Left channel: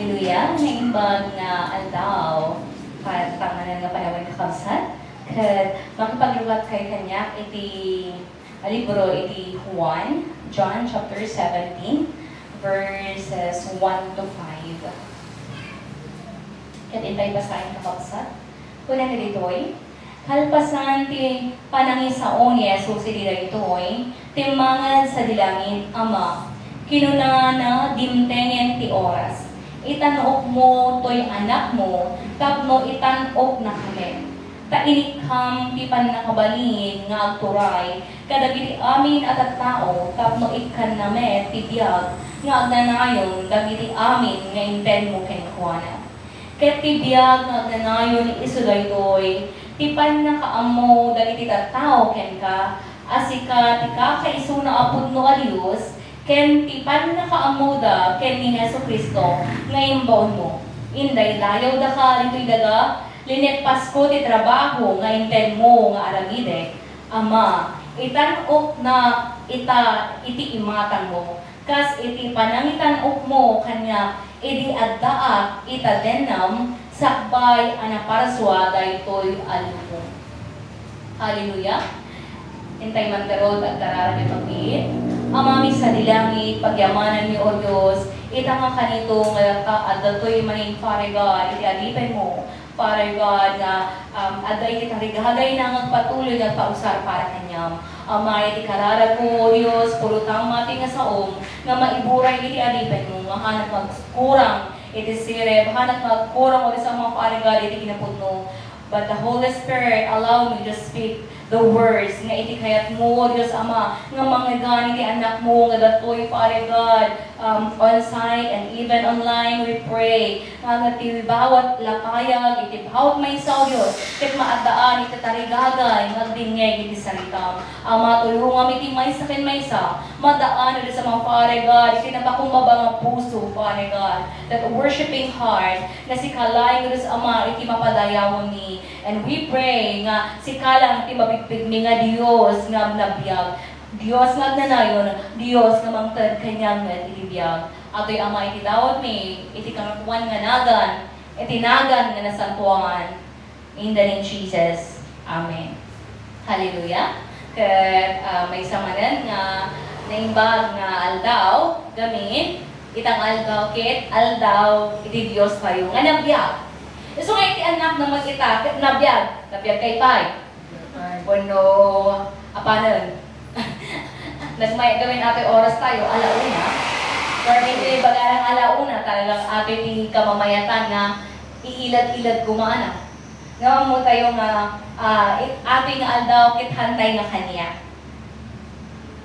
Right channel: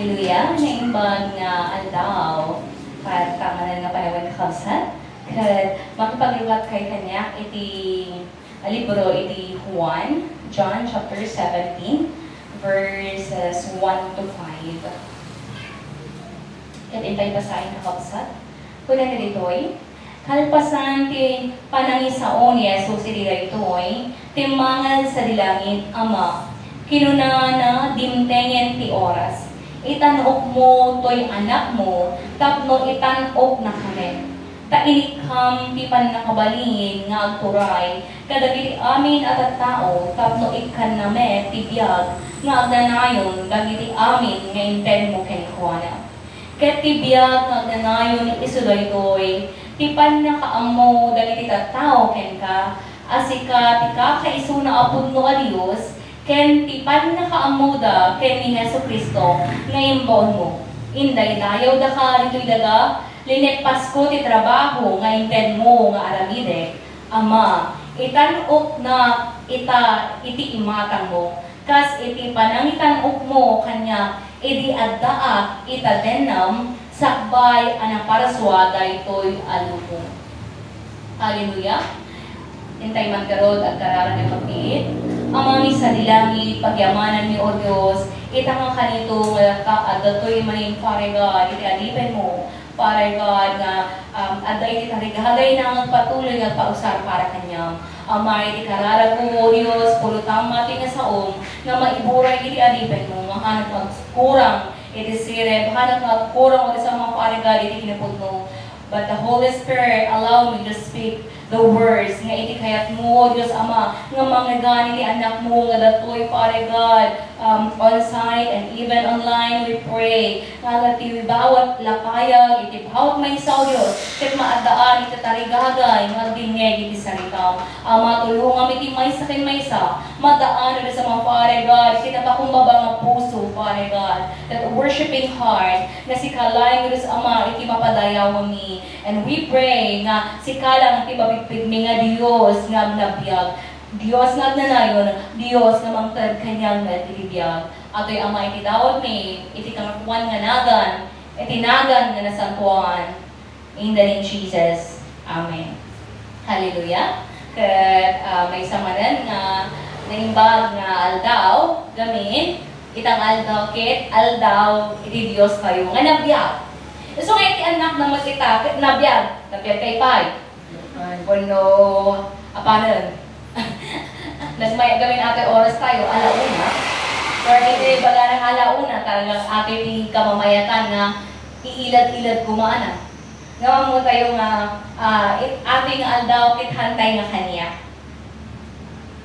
Hallelujah! Naimbag na aldaw kat pangalan nga panawin kakabsat kat makipaglugat kay kanya iti libro iti Juan, John chapter 17 verses 1 to 5. Kat intay basahin kakabsat. Kunan ditoy, kalpasan ti panangisaon ni Jesus iti daytoy, timmangan sa dilangit Ama, kinunana dimtengen ti oras. Itanok mo to'y anak mo, tapno itanok na kami. Tailikam ti panakabalin nga agturay, kadagiti amin at tao, tapno ikan name ti biyag, nga agnanayon dagiti amin nga inten mo kenkuana. Ket ti biyag nga agnanayon isuday to'y, ti panakaamo dagiti tao kenka, asika ti kakaisuna apod no a Dios, ken ti panakaamuda ken ni Jesucristo nga imbaon mo. Inday layaw da ka dito'y daga, linet Pasko ti trabaho nga inten mo nga aramide. Ama, itanok na iti imatang mo. Kas iti panangitanok mo kanya, iti addaak ita denam, sakbay anaparaswa daytoy alubong. Hallelujah! Intay magkarod at kararan ng pagpiit. Amami sa dilangit, pagyamanan ni O Diyos, itanga ka nito, at dato'y maning pare God, iti-alipan mo, pare God, na aday iti tarigagay na patuloy na pausar para kanyang. Ama, iti karara ko, O Diyos, pulutang mati nga saom, na maiburay iti-alipan mo, nga hanap magkurang, iti sire, hanap magkurang, o sa mga pare God, iti kinapod mo. But the Holy Spirit allow me to speak the words nga iti kayat mo, Diyos Ama, nga mangagani ti anak mo, nga datoy, Father God, on site and even online, we pray, nga ti bawat lapayag, iti bawat may isaw, Diyos, ket maadaan, iti tarigagay, nga bingeg, iti saritam. Ama, tulungan iti maysa ken maysa, madaan iti sa mga Father God, iti napakumbaba ng puso, Father God, that worshiping heart, na si kalay, Diyos Ama, iti mapadayawan ni. And we pray nga si kalang iti mabigpigmi nga Dios nga nabiyag. Dios nga nanayon, Dios nga mangtad kanyang nagibiyag. Ato'y Ama iti dawat mi, iti kangapuan nga nagan, iti nagan nga nasantuan. In the name of Jesus. Amen. Hallelujah. Kat may samanan nga naimbag nga aldaw, gamin, itang aldaw kit, aldaw, iti Dios kayo nga nabiyag. So nga iti anak na magkita, nabiyag kay Pai. Bueno, apanan. Nas may gawin ate oras tayo, alauna. Or iti bagarang alauna, talagang ate kamamayatan na iilad-ilad kumana. Ngawa mo tayo nga, ate nga aldaw kit hantay nga kanya.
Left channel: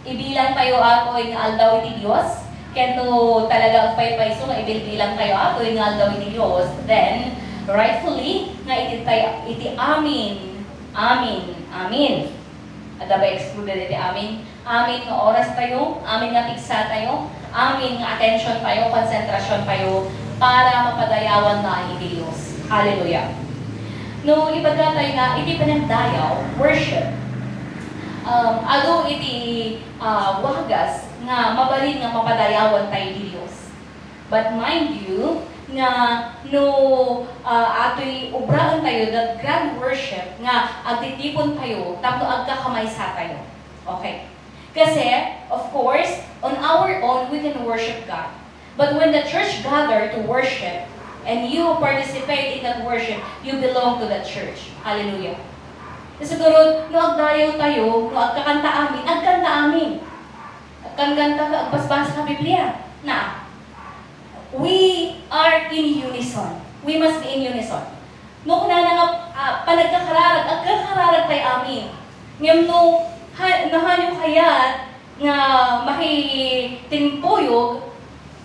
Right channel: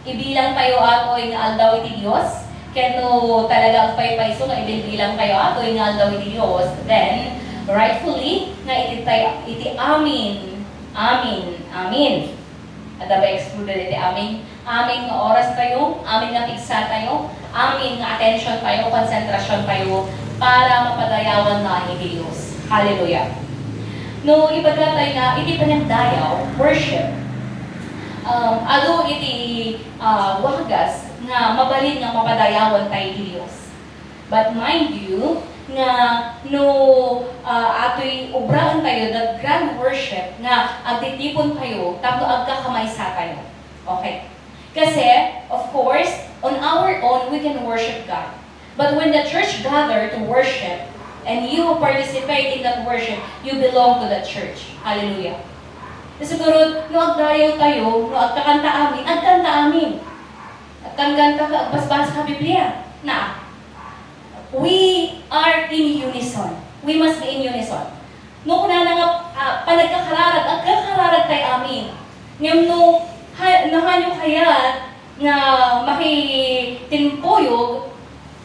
Ibilang tayo ako nga aldaw iti Diyos. Kento talagang pay-payso nga ibilbilang kayo ako nga aldaw iti Diyos. Then, rightfully, nga iti amin. Amin. At ba excluded iti amin? Amin nga oras tayo, amin nga pigsa tayo, amin nga attention tayo, konsentrasyon tayo, para mapadayawan na iti Diyos. Hallelujah. No, ibaga tayo nga, iti panagdayaw, worship. Alo iti wagas, nga mabalin nga mapadayawan tayo iti Diyos. But mind you, nga no ato'y ubraan tayo, the grand worship, nga agtitipon tayo, tapno agkakamaysa tayo. Okay? Kasi, of course, on our own, we can worship God. But when the church gather to worship, and you participate in that worship, you belong to the church. Hallelujah. Siguro, no agdayaw tayo, no agkakanta amin, agkanta amin. Agkanta ka, agbasbasa ka Biblia. Na, we are in unison. We must be in unison. No, kuna na nga, panagkakararag, agkakararag tayo amin. Ngayon, no, nahanyo kaya na makitinpoyog,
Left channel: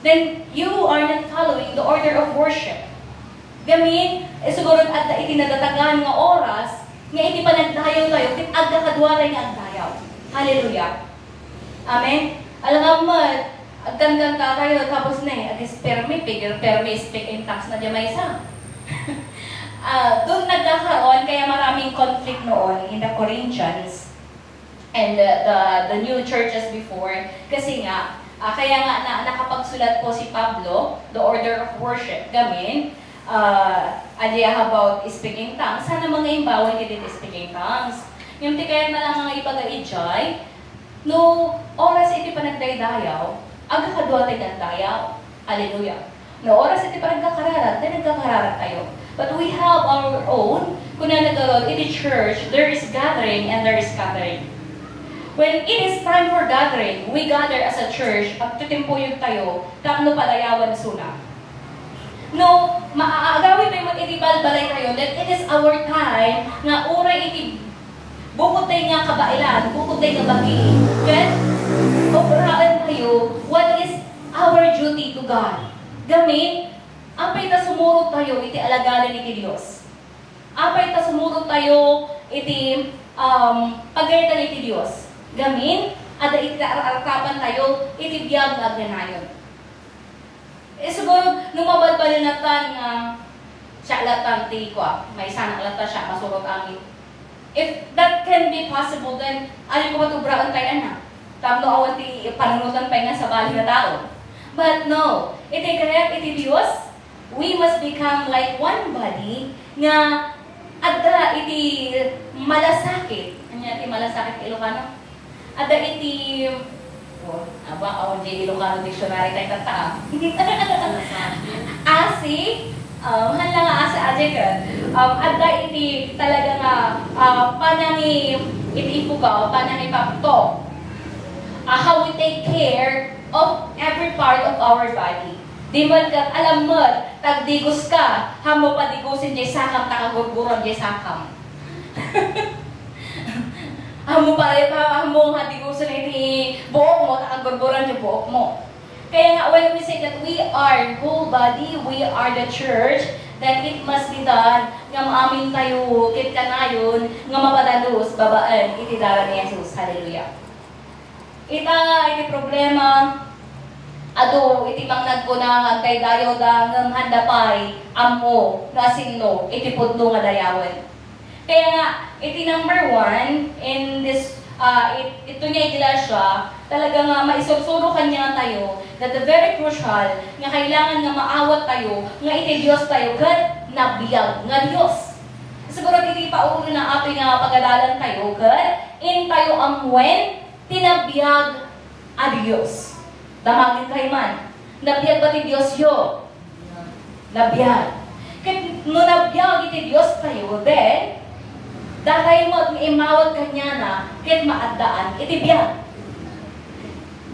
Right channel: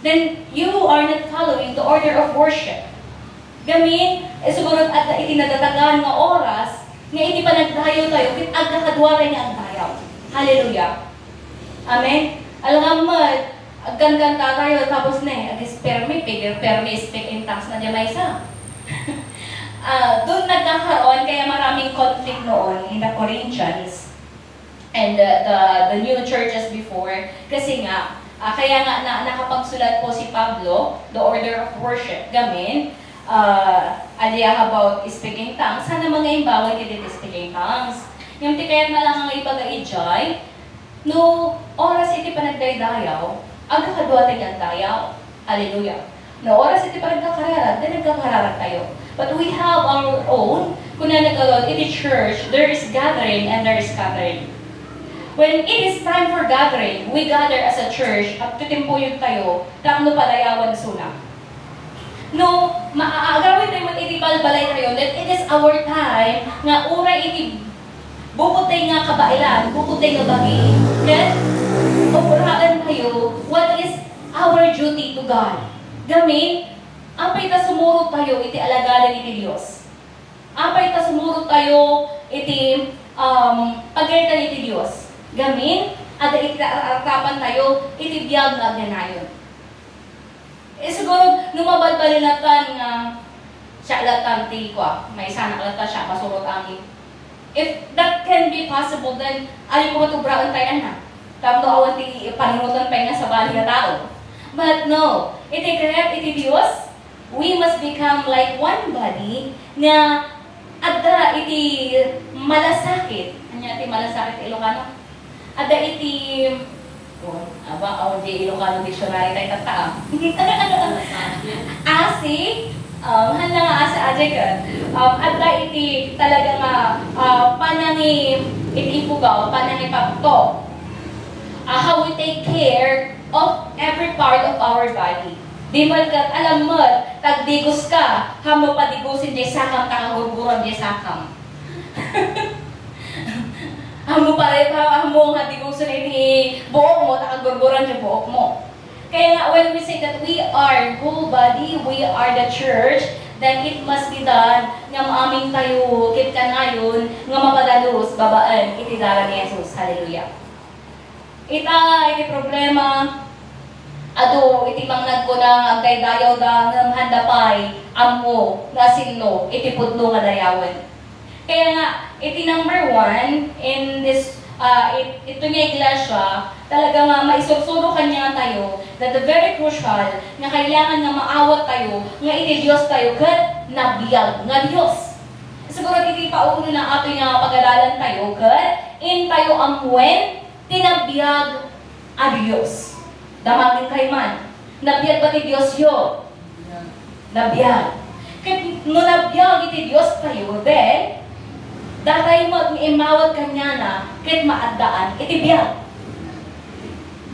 then you are not following the order of worship. Gamin, siguro at itinadatagan nga oras, nga iti panagdayaw tayo, tit agkakadwara niya agdayaw. Hallelujah. Amen? Alam mo, agkanta tayo, tapos na permi speak in tongues na diya may isa. Doon nagkakaroon, kaya maraming conflict noon in the Corinthians and the new churches before, kasi nga, Kaya nga nakapagsulat po si Pablo, the order of worship, gamin, aliya about speaking tongues, sana mga imbawal kiti speaking tongues. Yung tikayat na lang ang ipag-aijay, no oras iti panagdaydayaw, aga kadwating ang dayaw. Hallelujah. No oras iti panagkakararat, then nagkakararat tayo. But we have our own, kung na nagkaroon, iti church, there is gathering and there is scattering. When it is time for gathering, we gather as a church, at titimpuyog tayo, tapno palayawan suna. No, maaagawin tayo iti balbalay tayo, that it is our time, nga uray iti bukutay nga kabailan, bukutay nga bagi. Kaya, operaan tayo, what is our duty to God? Gamin, apay ta sumurot tayo, iti alagalan iti Diyos. Apay ta sumurot tayo, iti pagkaitan iti Diyos. Gamin, at iti arakapan tayo, iti biyag na agnanayon. Siguro, numabalbalin natin nga, siya alatang ti ko, may sana alata siya, masurot angin. If that can be possible, then ayaw ko matubraan tayo na. Tapos awan ti panunutan tayo na sa bali na tao. But no, iti kaya iti Diyos, we must become like one body nga adda iti malasakit. Anya iti malasakit Ilocano? Adda iti awan di Ilocano dictionary tayo tata. Asi, handa nga asa ajay ka. Adda iti talaga nga panangi iti ipugaw, panangi pakto. How we take care of every part of our body. Di man ka, alam mo, tagdigos ka, hamo padigusin di sakam, takagurguron di sakam. Hamo nga digusin iti buok mo, takagurguron di buok mo. Kaya nga, when we say that we are whole body, we are the church, then it must be done nga maaming tayo, kit kanayon, nga mapadalos, babaan, iti dara ni Jesus. Hallelujah. Iti problema, ado, iti pang nagkunang agday dayaw da ng handapay, amo, nasinlo, iti pudlo nga dayawan. Kaya nga, iti number 1, in this, ito nga iglesia, talaga nga maisursuro kanya tayo, that the very crucial, nga kailangan nga maawat tayo, nga iti Diyos tayo, kat nabiyag nga Diyos. Siguro iti paulo na ato nga pag-alalan tayo, kat in tayo amwen, tinabiyag a Diyos. Damagin kayo man. Nabiyag ba ti Diyos yo? Nabiyag. Kaya no nabiyag iti Diyos tayo, then, datay mo at imawag kanya na, kit maaddaan, iti biyag.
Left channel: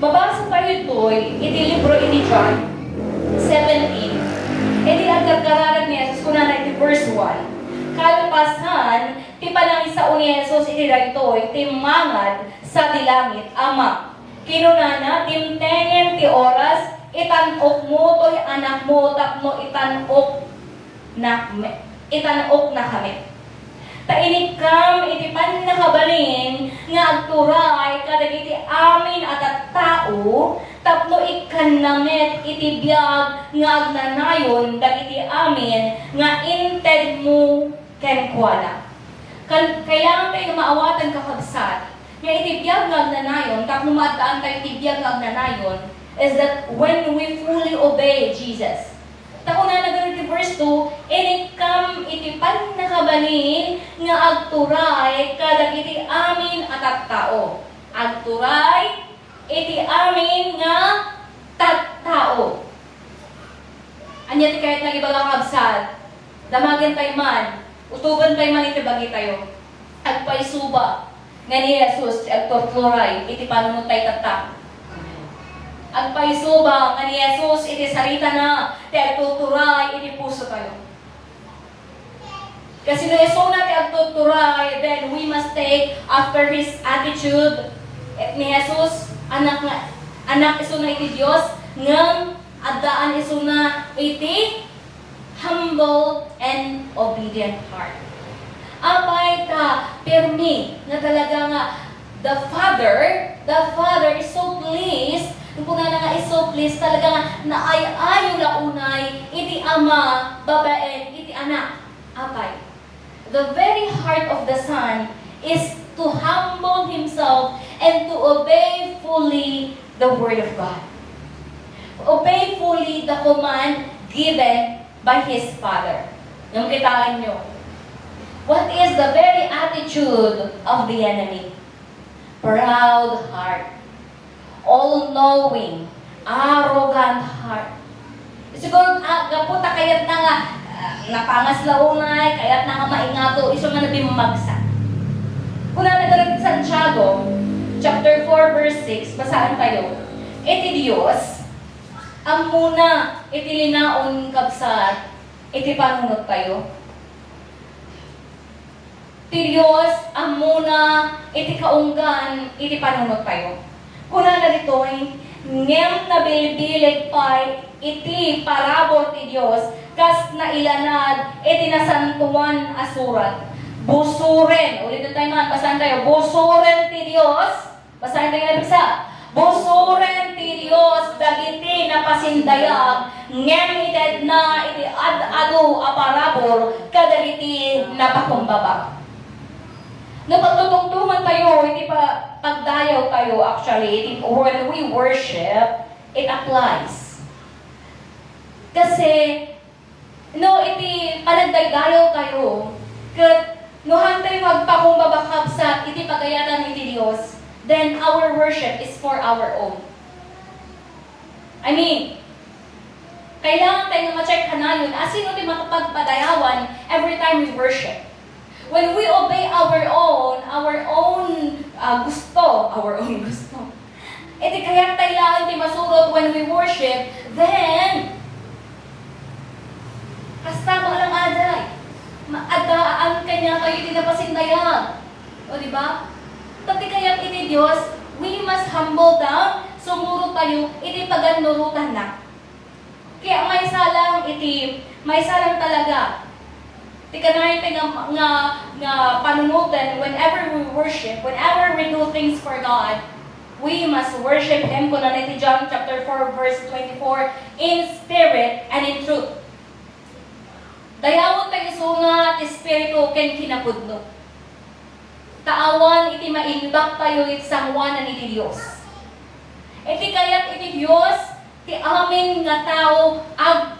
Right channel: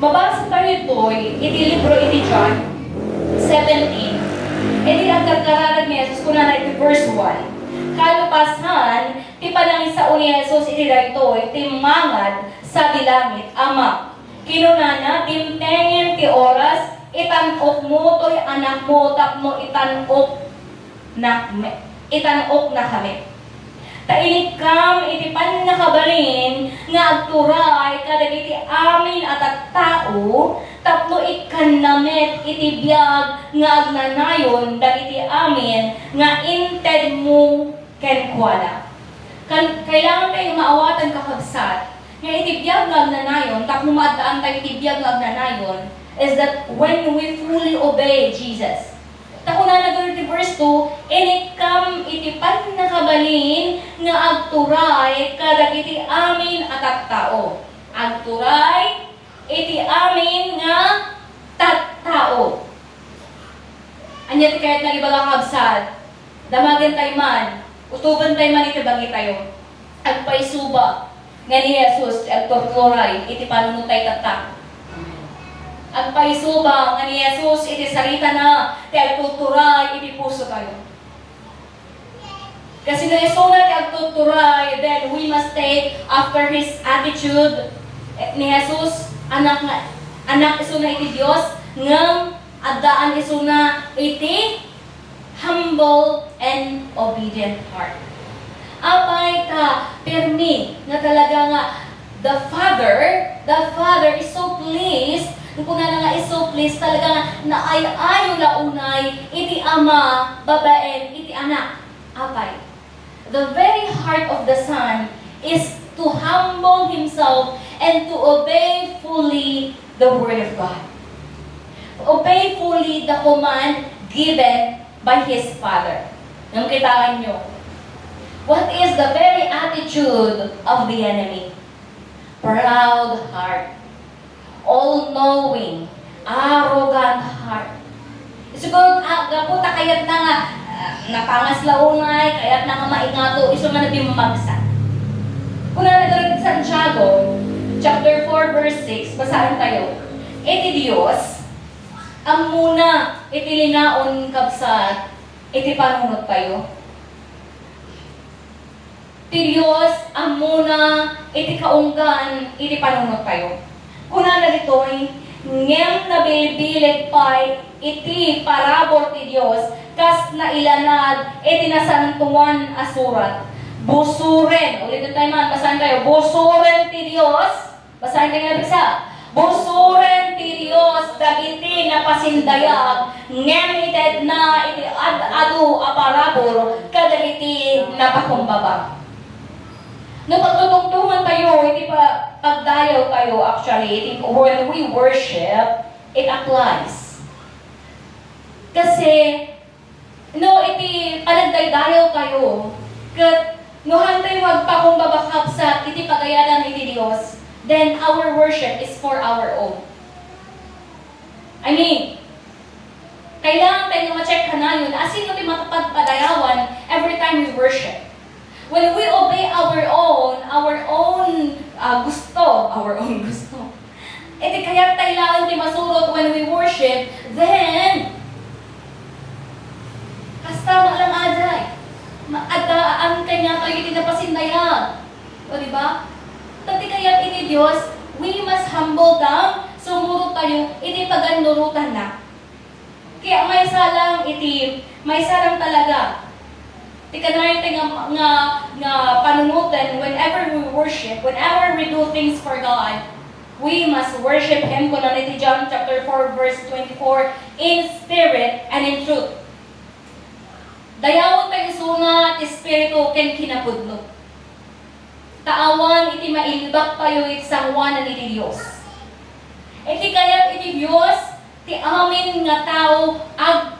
Babasa tayo ito'y, iti libro iti John 17. Iti ang kagkararan ni Jesus, kuna na iti verse 1. Kalpasan, ti panangin sa uni Jesus, iti daytoy, ti mangad, sa dilangit, Ama. Kinunana, timtengen ti oras, itanok mo to'y anak mo, tapno itanok na kami. Tainik kam, iti pan nakabalin, nga agturay, kadag iti amin at tao, tapno ikan namet, iti biyag, nga agnanayon, dag iti amin, nga inted mo kenkwala. Kailangan tayo maawatan kakagsat, nga itibiyag na agnanayon, tapos maadaan tayo itibiyag na agnanayon, is that when we fully obey Jesus. Tako na nagano iti verse 2, inikam itipan na kabalin nga agturay kadag iti amin at tao. Agturay iti amin nga tattao. Anya ti kahit nga ibagang kabsat, damagan tayo man, utuban tayo man itibagi tayo, agpaisuba, nga ni Jesus, agtorturay, iti panunutay tatak. Agpaisuba, nga ni Jesus, iti sarita na, ti agtuturay, iti puso tayo. Kasi na iso na ti agtuturay, then we must take after His attitude, ni Jesus, anak iso na iti Diyos, nga adaan iso na iti humble and obedient heart. Apay ta, permi, na talaga nga, the Father is so pleased, kung na nga is so pleased, talaga nga, naayayo na unay, iti ama, babaen, iti anak. Apay. The very heart of the Son is to humble Himself and to obey fully the Word of God. obey fully the command given by his Father. Yung kitaan nyo. What is the very attitude of the enemy? Proud heart. All-knowing. Arrogant heart. Siguro, gaputa kayat na nga, napangas laungay, kayat na nga maingato, iso nga nabimagsa. Kung nagalit Santiago, chapter 4, verse 6, basahin tayo. Iti Diyos, ang muna, iti linaon kabsat, iti panunod tayo. Ti Diyos, ang muna, iti kaunggan, iti panunod tayo. Kuna na dito'y, ngem na bilbilig pa'y, iti parabor ti Diyos, kas na ilanad, iti nasantuan asurat. Busuren, ulit na tayo man, basahin tayo, busuren ti Diyos, basahin tayo na bisa, busuren ti Diyos, dagiti na pasindayag, ngemited na iti ad-adu aparabor, kadagiti na pakumbaba. No, pagtutungtungan tayo, iti pagdayaw tayo, actually, when we worship, it applies. Kasi, no, iti panagdaydayaw tayo, kat no hantay magpakumbabakap sa iti pagayatan iti Diyos, then our worship is for our own. I mean, kailangan tayo ma-check ka na yun, sino iti matapagpadayawan every time we worship. When we obey our own gusto, iti kaya tayo iti masurot when we worship, then, kastama lang aday. Maadaan kanya kayo tinapasindaya. O diba? Tati kaya ini Diyos, we must humble down, sumuro tayo, iti paganurutan na. Kaya may salang talaga. Tika na yung nga panunutan, whenever we worship, whenever we do things for God, we must worship Him. Kung iti John chapter 4, verse 24, in spirit and in truth. Dayawon tayo sunga, espiritu ken kinapudno. Taawan iti mailbak tayo iti sangwanan iti Dios. Iti kayat iti Dios, ti amin nga tao ag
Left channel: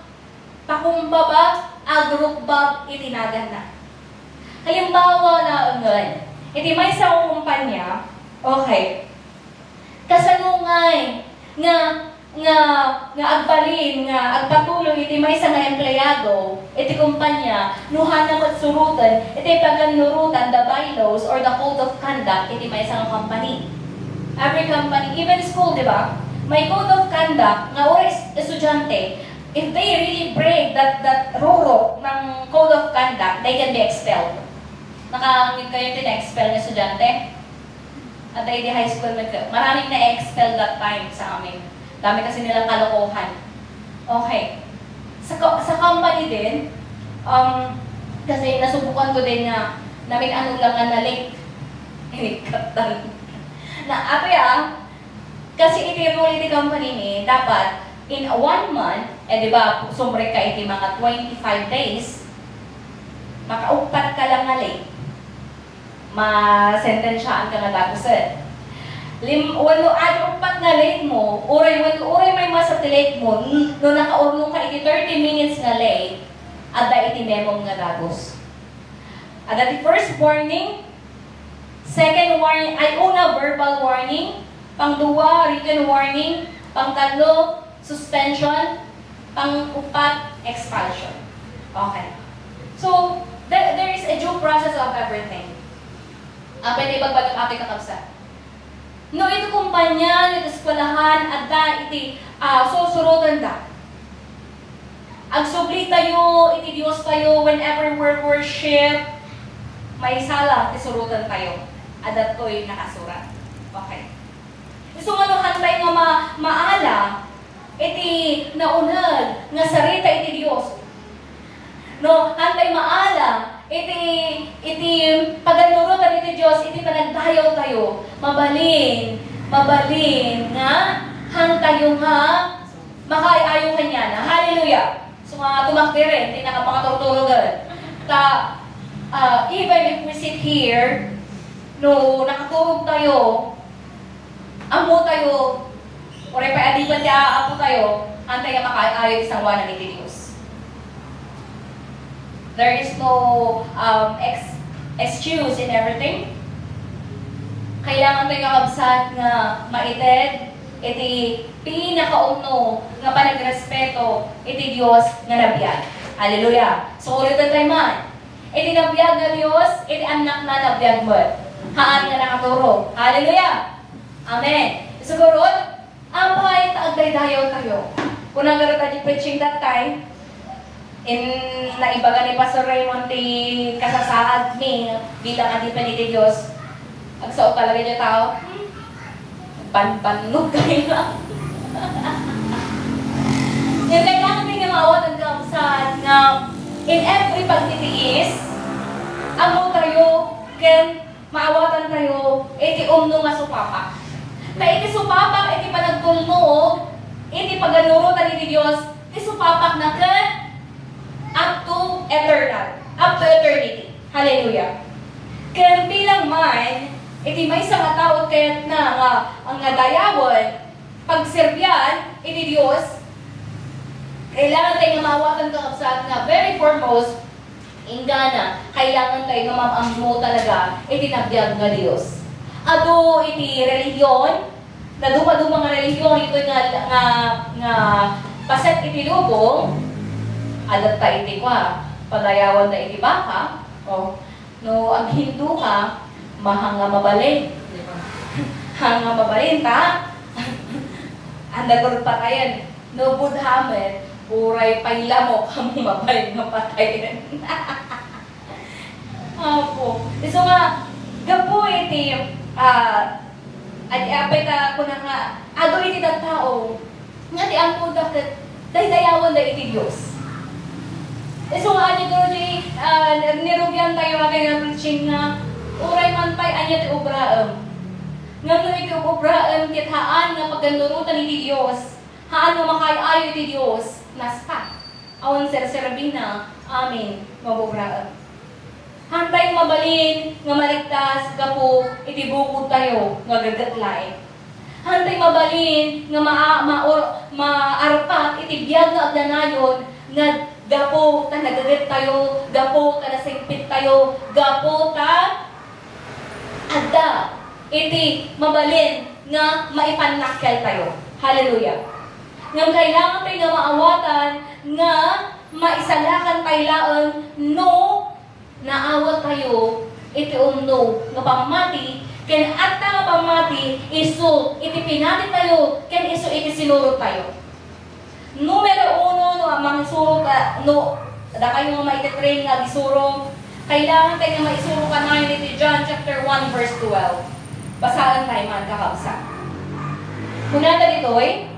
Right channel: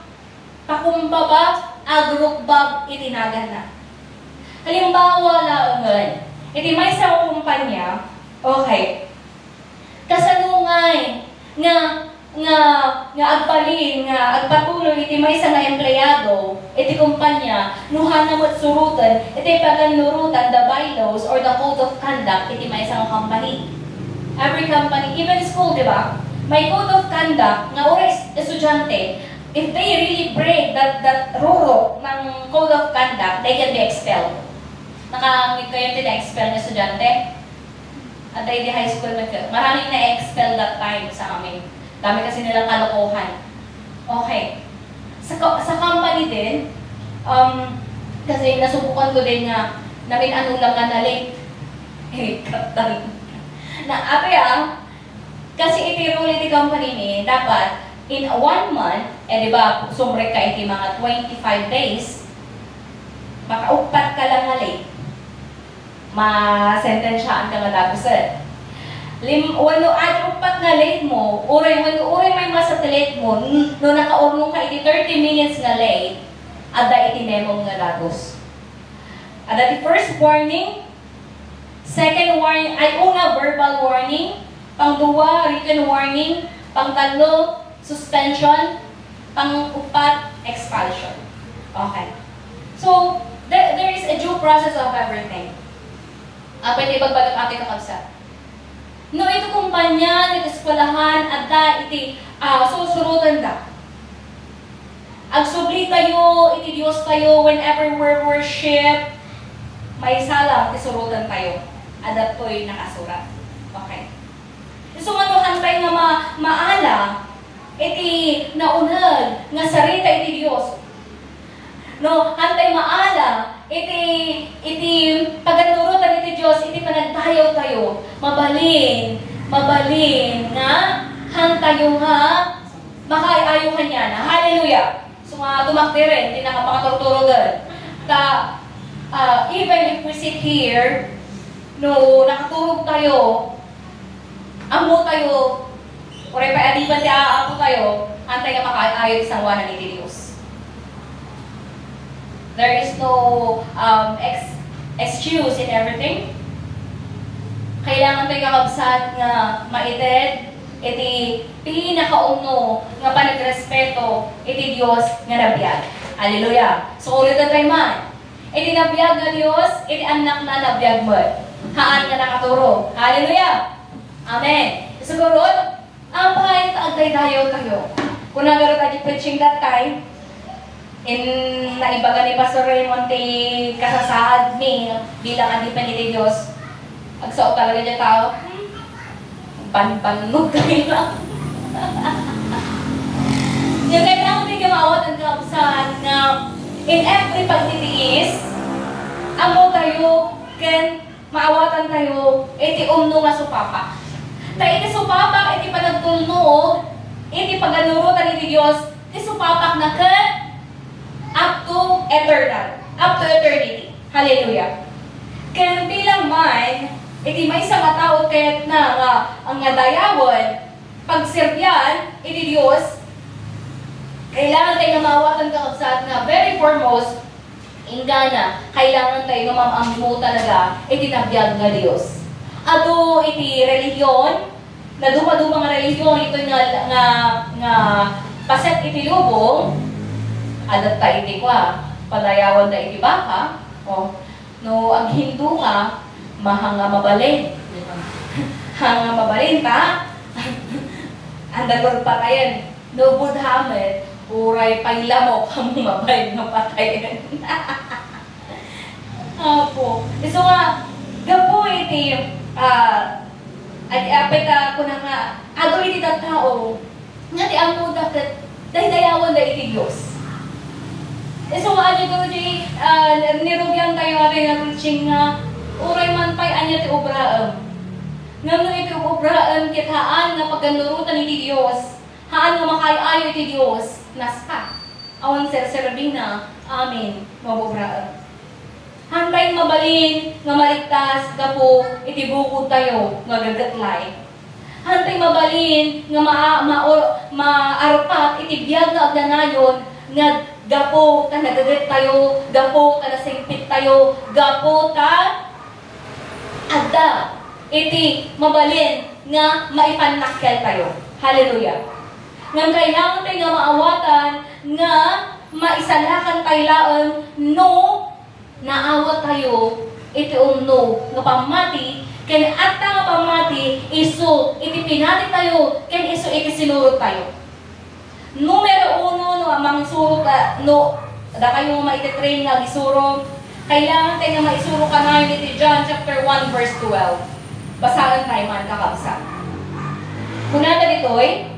pakumbaba, ag rukbab iti naganda. Halimbawa laungan, iti may sa kumpanya, okay, kasanungay nga agbalin, nga agpatuloy iti may nga empleyado, iti kumpanya, nuhanam at surutan, iti paganurutan, the bylaws or the code of conduct, iti may nga company. Every company, even school, di ba? May code of conduct, nga ora estudyante, if they really break that rule ng code of conduct, they can be expelled. Nakangit kayo tina-expel ng estudyante? At di high school, maraming na-expel that time sa amin. Dami kasi nilang kalokohan. Okay. Sa company din, kasi nasubukan ko din nga, namin ano lang nga na late. Kasi iti-rule iti company ni, dapat, in 1 month, di ba, sumbre ka iti mga 25 days, makaupat ka lang nga late, ma-sentensyaan ka nga dagusan. Wano upat na late mo, uray may late mo, no nakaurnong ka iti 30 minutes na late, ada iti memong nga dagos. Ada iti first warning, second warning, ay una verbal warning, pang-duwa written warning, pang-tatlo suspension, pang-upat expulsion. Okay. So, there is a due process of everything. Pwede ibagbalik ati kakabsa. No, ito kumpanya, ito eskwelahan, at iti susurutan da. Agsubli tayo, iti Diyos tayo, whenever we worship, may sala, isurutan tayo. Adat ko'y nakasurat. Okay. So, hantay nga maala, iti naunag, nga sarita iti Diyos. No, hantay maala, iti paganurutan iti Diyos, iti panagdayaw tayo, mabalin nga, hantayo nga, makaayaw kanya na. Hallelujah! So nga, tumakti rin, hindi nakapakaturuturugan. Even if we sit here, no, nakaturog tayo, amo tayo, Oray pa adipan ti aapo tayo, antay nga makaayo isang wanan ni Diyos. There is no excuse in everything. Kailangan tayo kakabsat nga maited, iti pinakauno nga panagrespeto, iti Diyos nga nabiyag. Hallelujah! So ulitan tayo man. Iti nabiyag na Diyos, iti anak na nabiyag mo. Haan nga nakaturo. Hallelujah! Amen. Siguro, ang bahay taagday dayo kayo. Kung nagaro tayo preaching that time, in naibaga ni Pastor Raymond ti kasasaad ni bilang adipan ni Diyos, agsaot talaga niya tao, pan-panog kayo lang. Nga kailangan din gamawat ang kausad nga in every pagtitiis, amo tayo, ken maawatan tayo, iti umno nga supapak. Ta iti supapak, iti panagpulno, iti paganurutan iti Diyos, iti supapak na ken up to eternal, up to eternity. Hallelujah. Ken bilang man, iti may isang tao ket na ang dayawon, pagserbyan, iti Diyos, kailangan tayo na mawatan kakabsat na very foremost, ingana, kailangan tayo na mamammo talaga, iti nabiyag nga Diyos. Ato iti religion, na dumadumang nga religion, ito nga paset iti lubong, adat tayo iti kwa, padayawan na iti baka, o, no, ang Hindu ka, mahanga mabalin. Hanga mabalin ta, ang dagod pa kayan, no Budhamet, uray pailamok kamo mabalin ng patayin. Apo. So nga, gapo iti, at apeta ko na nga, ado iti tao, nga di ang puta kat, dayawan na iti Diyos. So nga, adi ko di, nirugyan tayo natin na preaching nga, uray man pa'y anya ti obraam. Nga no iti obraam, kitaan nga pagganurutan iti Diyos, haan nga makayayo iti Diyos, naspa. Awan ser-serbina, amin, mabobraam. Hantay mabalin, nga maligtas, gapo, iti bukod tayo, nga gagatlay. Hantay mabalin, nga maarpat, iti biyag nga agdanayon, nga gapo, ta nagagat tayo, gapo, ta nasingpit tayo, gapo, ta adda, iti mabalin, nga maipanakkel tayo. Hallelujah. Nga kailangan tayo nga maawatan, nga maisalakan tayo laon, no, naawat tayo, iti umno, nga pamati, ken atta nga pamati, iso, iti pinati tayo, ken iso iti sinurot tayo. Numero 1, no, amang surot, no, da kayo nga maititrain nga gisurong, kailangan tayo nga maisurong ka na iti John chapter 1 verse 12. Basahan tayo man kakabsa. Kunata ditoy,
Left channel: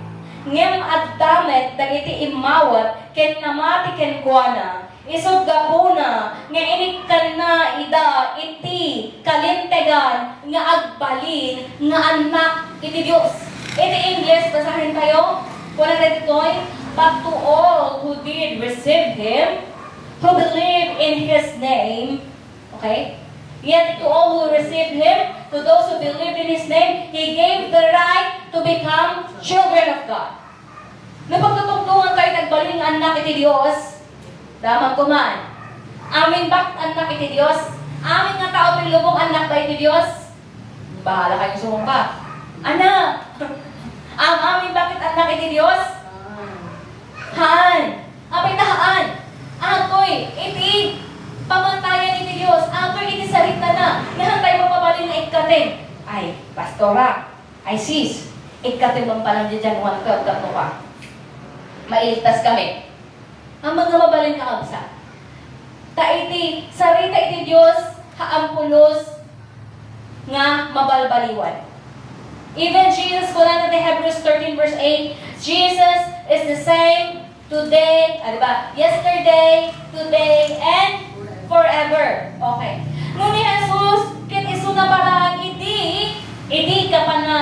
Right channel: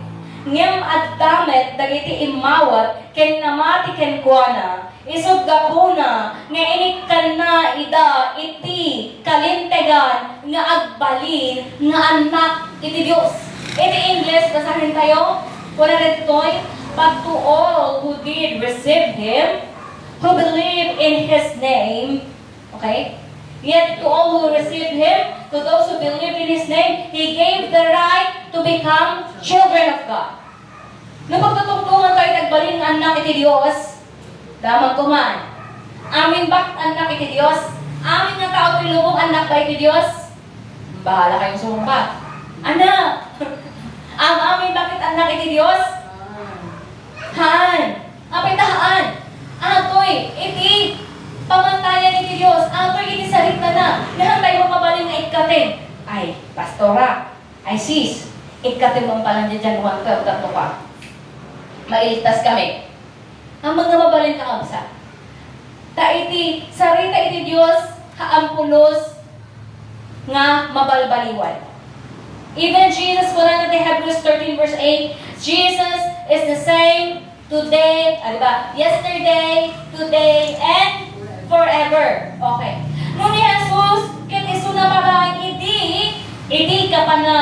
ngem at damet dagiti imawat ken namati ken kuana isod gapuna nga inikkan na ida iti kalintegan nga agbalin nga anak iti Dios. Iti English basahin tayo. Kuna ditoy, but to all who did receive Him, who believe in His name, okay? Yet to all who received Him, to those who believe in His name, He gave the right to become children of God. Napagtutugtungan tayo nagbaling anak iti Diyos, damang kuman. Amin bak anak iti Diyos? Amin nga tao pilubong anak ba iti Diyos? Bahala kayong sumpa. Anak! Ang amin bakit anak iti Diyos? Han! Apay tahaan! Atoy! Iti pamantayan iti Diyos. Apoy iti sarita na. Nahantay mo mabalin na ikatin. Ay, pastora. Ay, sis. Ikatin mong palang dyan one cup mo pa. Mailigtas kami. Ang mga mabalin ka kabsa. Ta iti sarita iti Diyos kaampulos nga mabalbaliwan. Even Jesus, wala na Hebrews 13 verse 8, Jesus is the same today, diba? Yesterday, today, and forever. Okay. Nung ni Jesus, kit iso na parang hindi ka pa na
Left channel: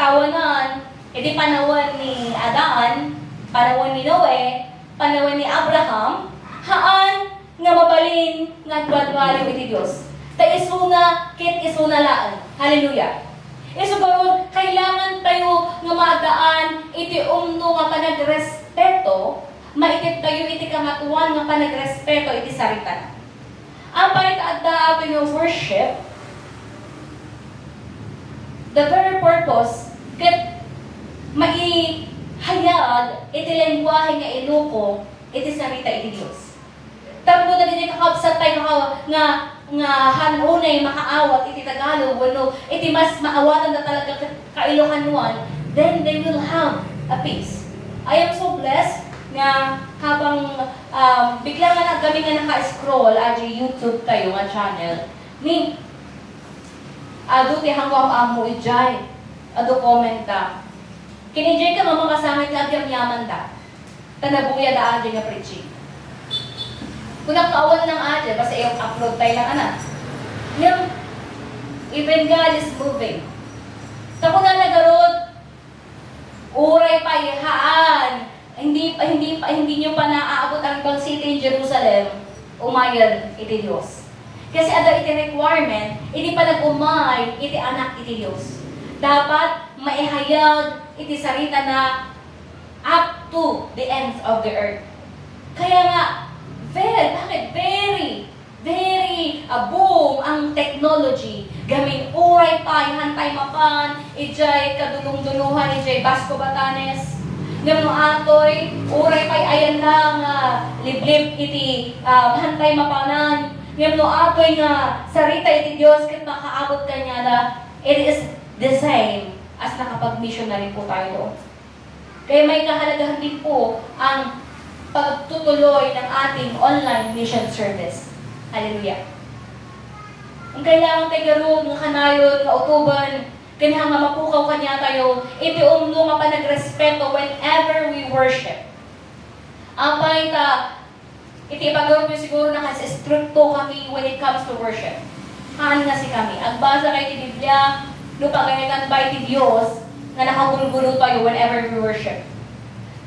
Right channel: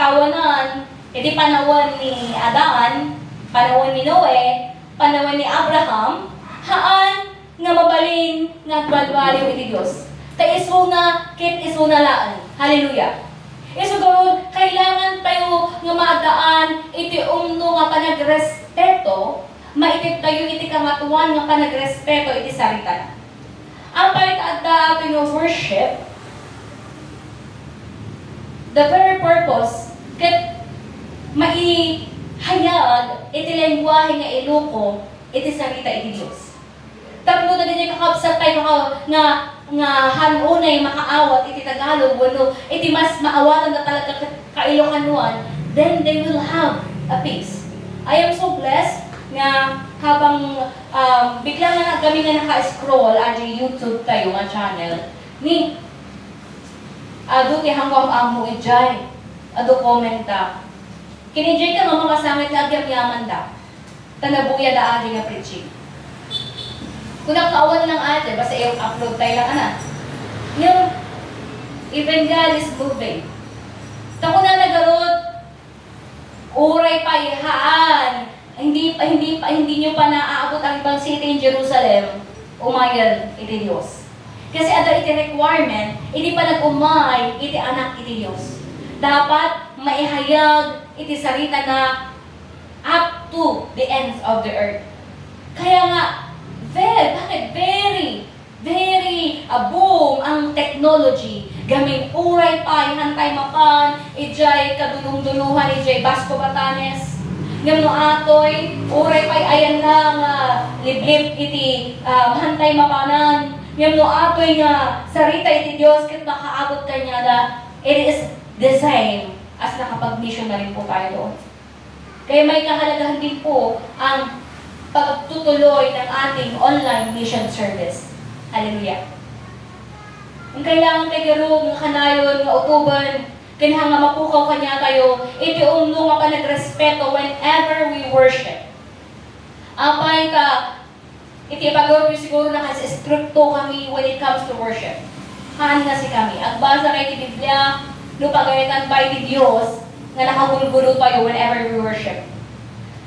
tawanan, hindi panawan ni Adan, panawan ni Noe, panawan ni Abraham, haan nga mabalin nga dwal-dwaliw iti Diyos. Ta iso na, kit iso na laan. Hallelujah. Isu gawon, kailangan tayo nga maadaan, iti umno nga panagrespeto, maitit tayo iti kamatuan nga panagrespeto iti sarita. Apay kaadda ato yung worship, the very purpose, ket maihayag iti lengguwahe nga iluko, iti sarita iti Diyos. Tapno na din kakabsat tayo nga hanunay makaawat iti Tagalog, wano iti mas maawatan na talaga kailokanuan, then they will have a peace. I am so blessed nga habang bigla nga kami nga naka-scroll adi YouTube tayo nga channel ni ado ti hangwam amo ijay ado komenta kini jay ka mga kasangat nga agyam-yaman da tanabuya da adi nga preaching. Kung nakauwan lang ate, basta i-upload tayo lang anak. Yung, even God is moving. Tako na nagarod, uray pa ihaan, hindi nyo pa naaabot ang ibang city in Jerusalem, umayan iti Diyos. Kasi ada iti requirement, hindi pa nag-umay iti anak iti Diyos. Dapat maihayag iti sarita na up to the ends of the earth. Kaya nga, very boom ang technology. Gaming uray pa, hantay mapan, ijay kadulong-duluhan, ijay Basco Batanes. Ngam no atoy, uray pa ayan lang, liblib iti hantay mapanan. Ngam no atoy nga, sarita iti Diyos, kit makaabot kanya na, it is the same as nakapag-mission na rin po tayo doon. Kaya may kahalagahan din po ang pagtutuloy ng ating online mission service. Hallelujah. Ang kailangan tayo garo, ng kanayon, ng utuban, kanha nga mapukaw kanya tayo, iti umno nga pa nagrespeto whenever we worship. Apay ka, iti pag-gawin siguro na kasi stricto kami when it comes to worship. Haan nga si kami. Agbasa kay ti Biblia, no pagayatan pa iti Diyos, nga nakagulgulo tayo whenever we worship.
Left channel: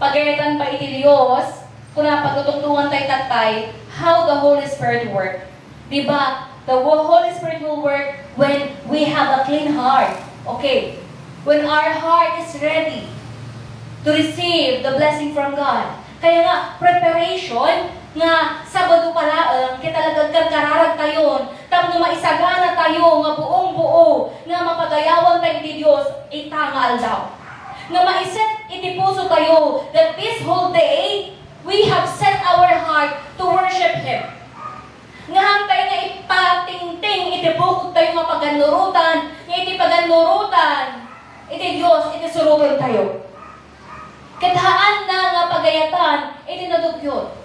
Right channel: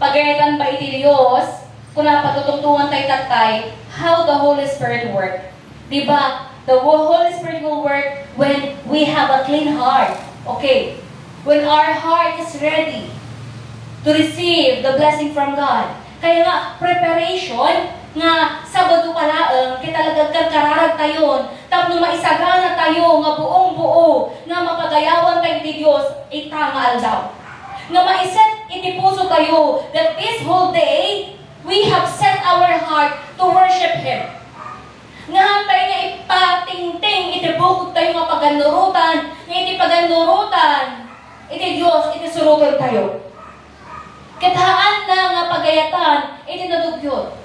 Pagayatan pa iti Diyos, kung napatutungtungan tayo tatay, how the Holy Spirit work. Diba? The Holy Spirit will work when we have a clean heart. Okay. When our heart is ready to receive the blessing from God. Kaya nga, preparation, nga Sabado pala, kaya talagang kararag tayo, tapno maisagana tayo, nga buong-buo, nga mapagayawan tayo di Diyos, itangal daw. Nga maiset iti puso tayo, that this whole day, we have set our heart to worship Him. Nga tayo nga ipatingting, itibukod tayo nga paganurutan, nga iti paganurutan, iti Diyos, iti surugan tayo. Kathaan na nga pagayatan, iti nadugyot.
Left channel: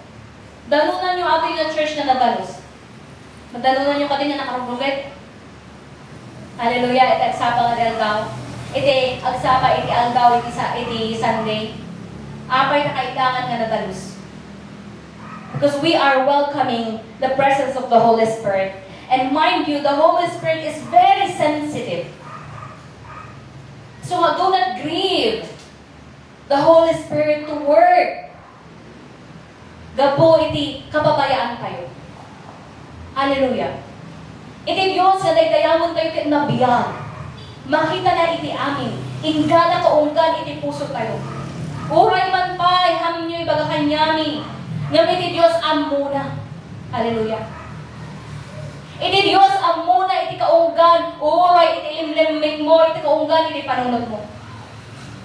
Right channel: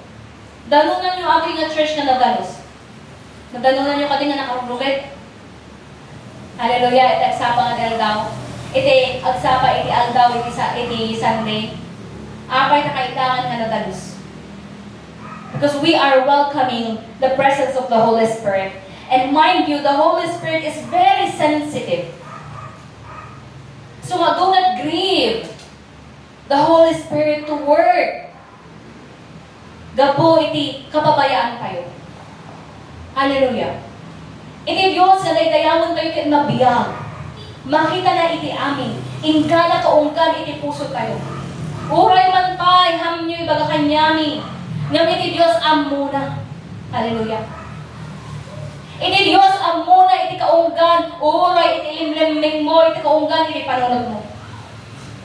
Dalunan yung ating na church na nadalos. Madalunan yung kating na nakarugit. Hallelujah, iti agsapa nga aldaw. Iti agsapa, iti aldaw, iti Sunday. Apay na kailangan nga nadalos. Because we are welcoming the presence of the Holy Spirit. And mind you, the Holy Spirit is very sensitive. So do not grieve the Holy Spirit to work. Gapo iti kapabayaan tayo. Hallelujah. Iti Diyos na dayamon tayo ket nabiyag. Makita na iti amin. Ingala kaunggan iti puso tayo. Uray man pa'y hamnyo'y baga kanyami. Ngam iti Diyos amuna. Hallelujah. Iti Diyos amuna iti kaunggan. Uray iti limlimig mo, iti kaunggan, iti panunod mo.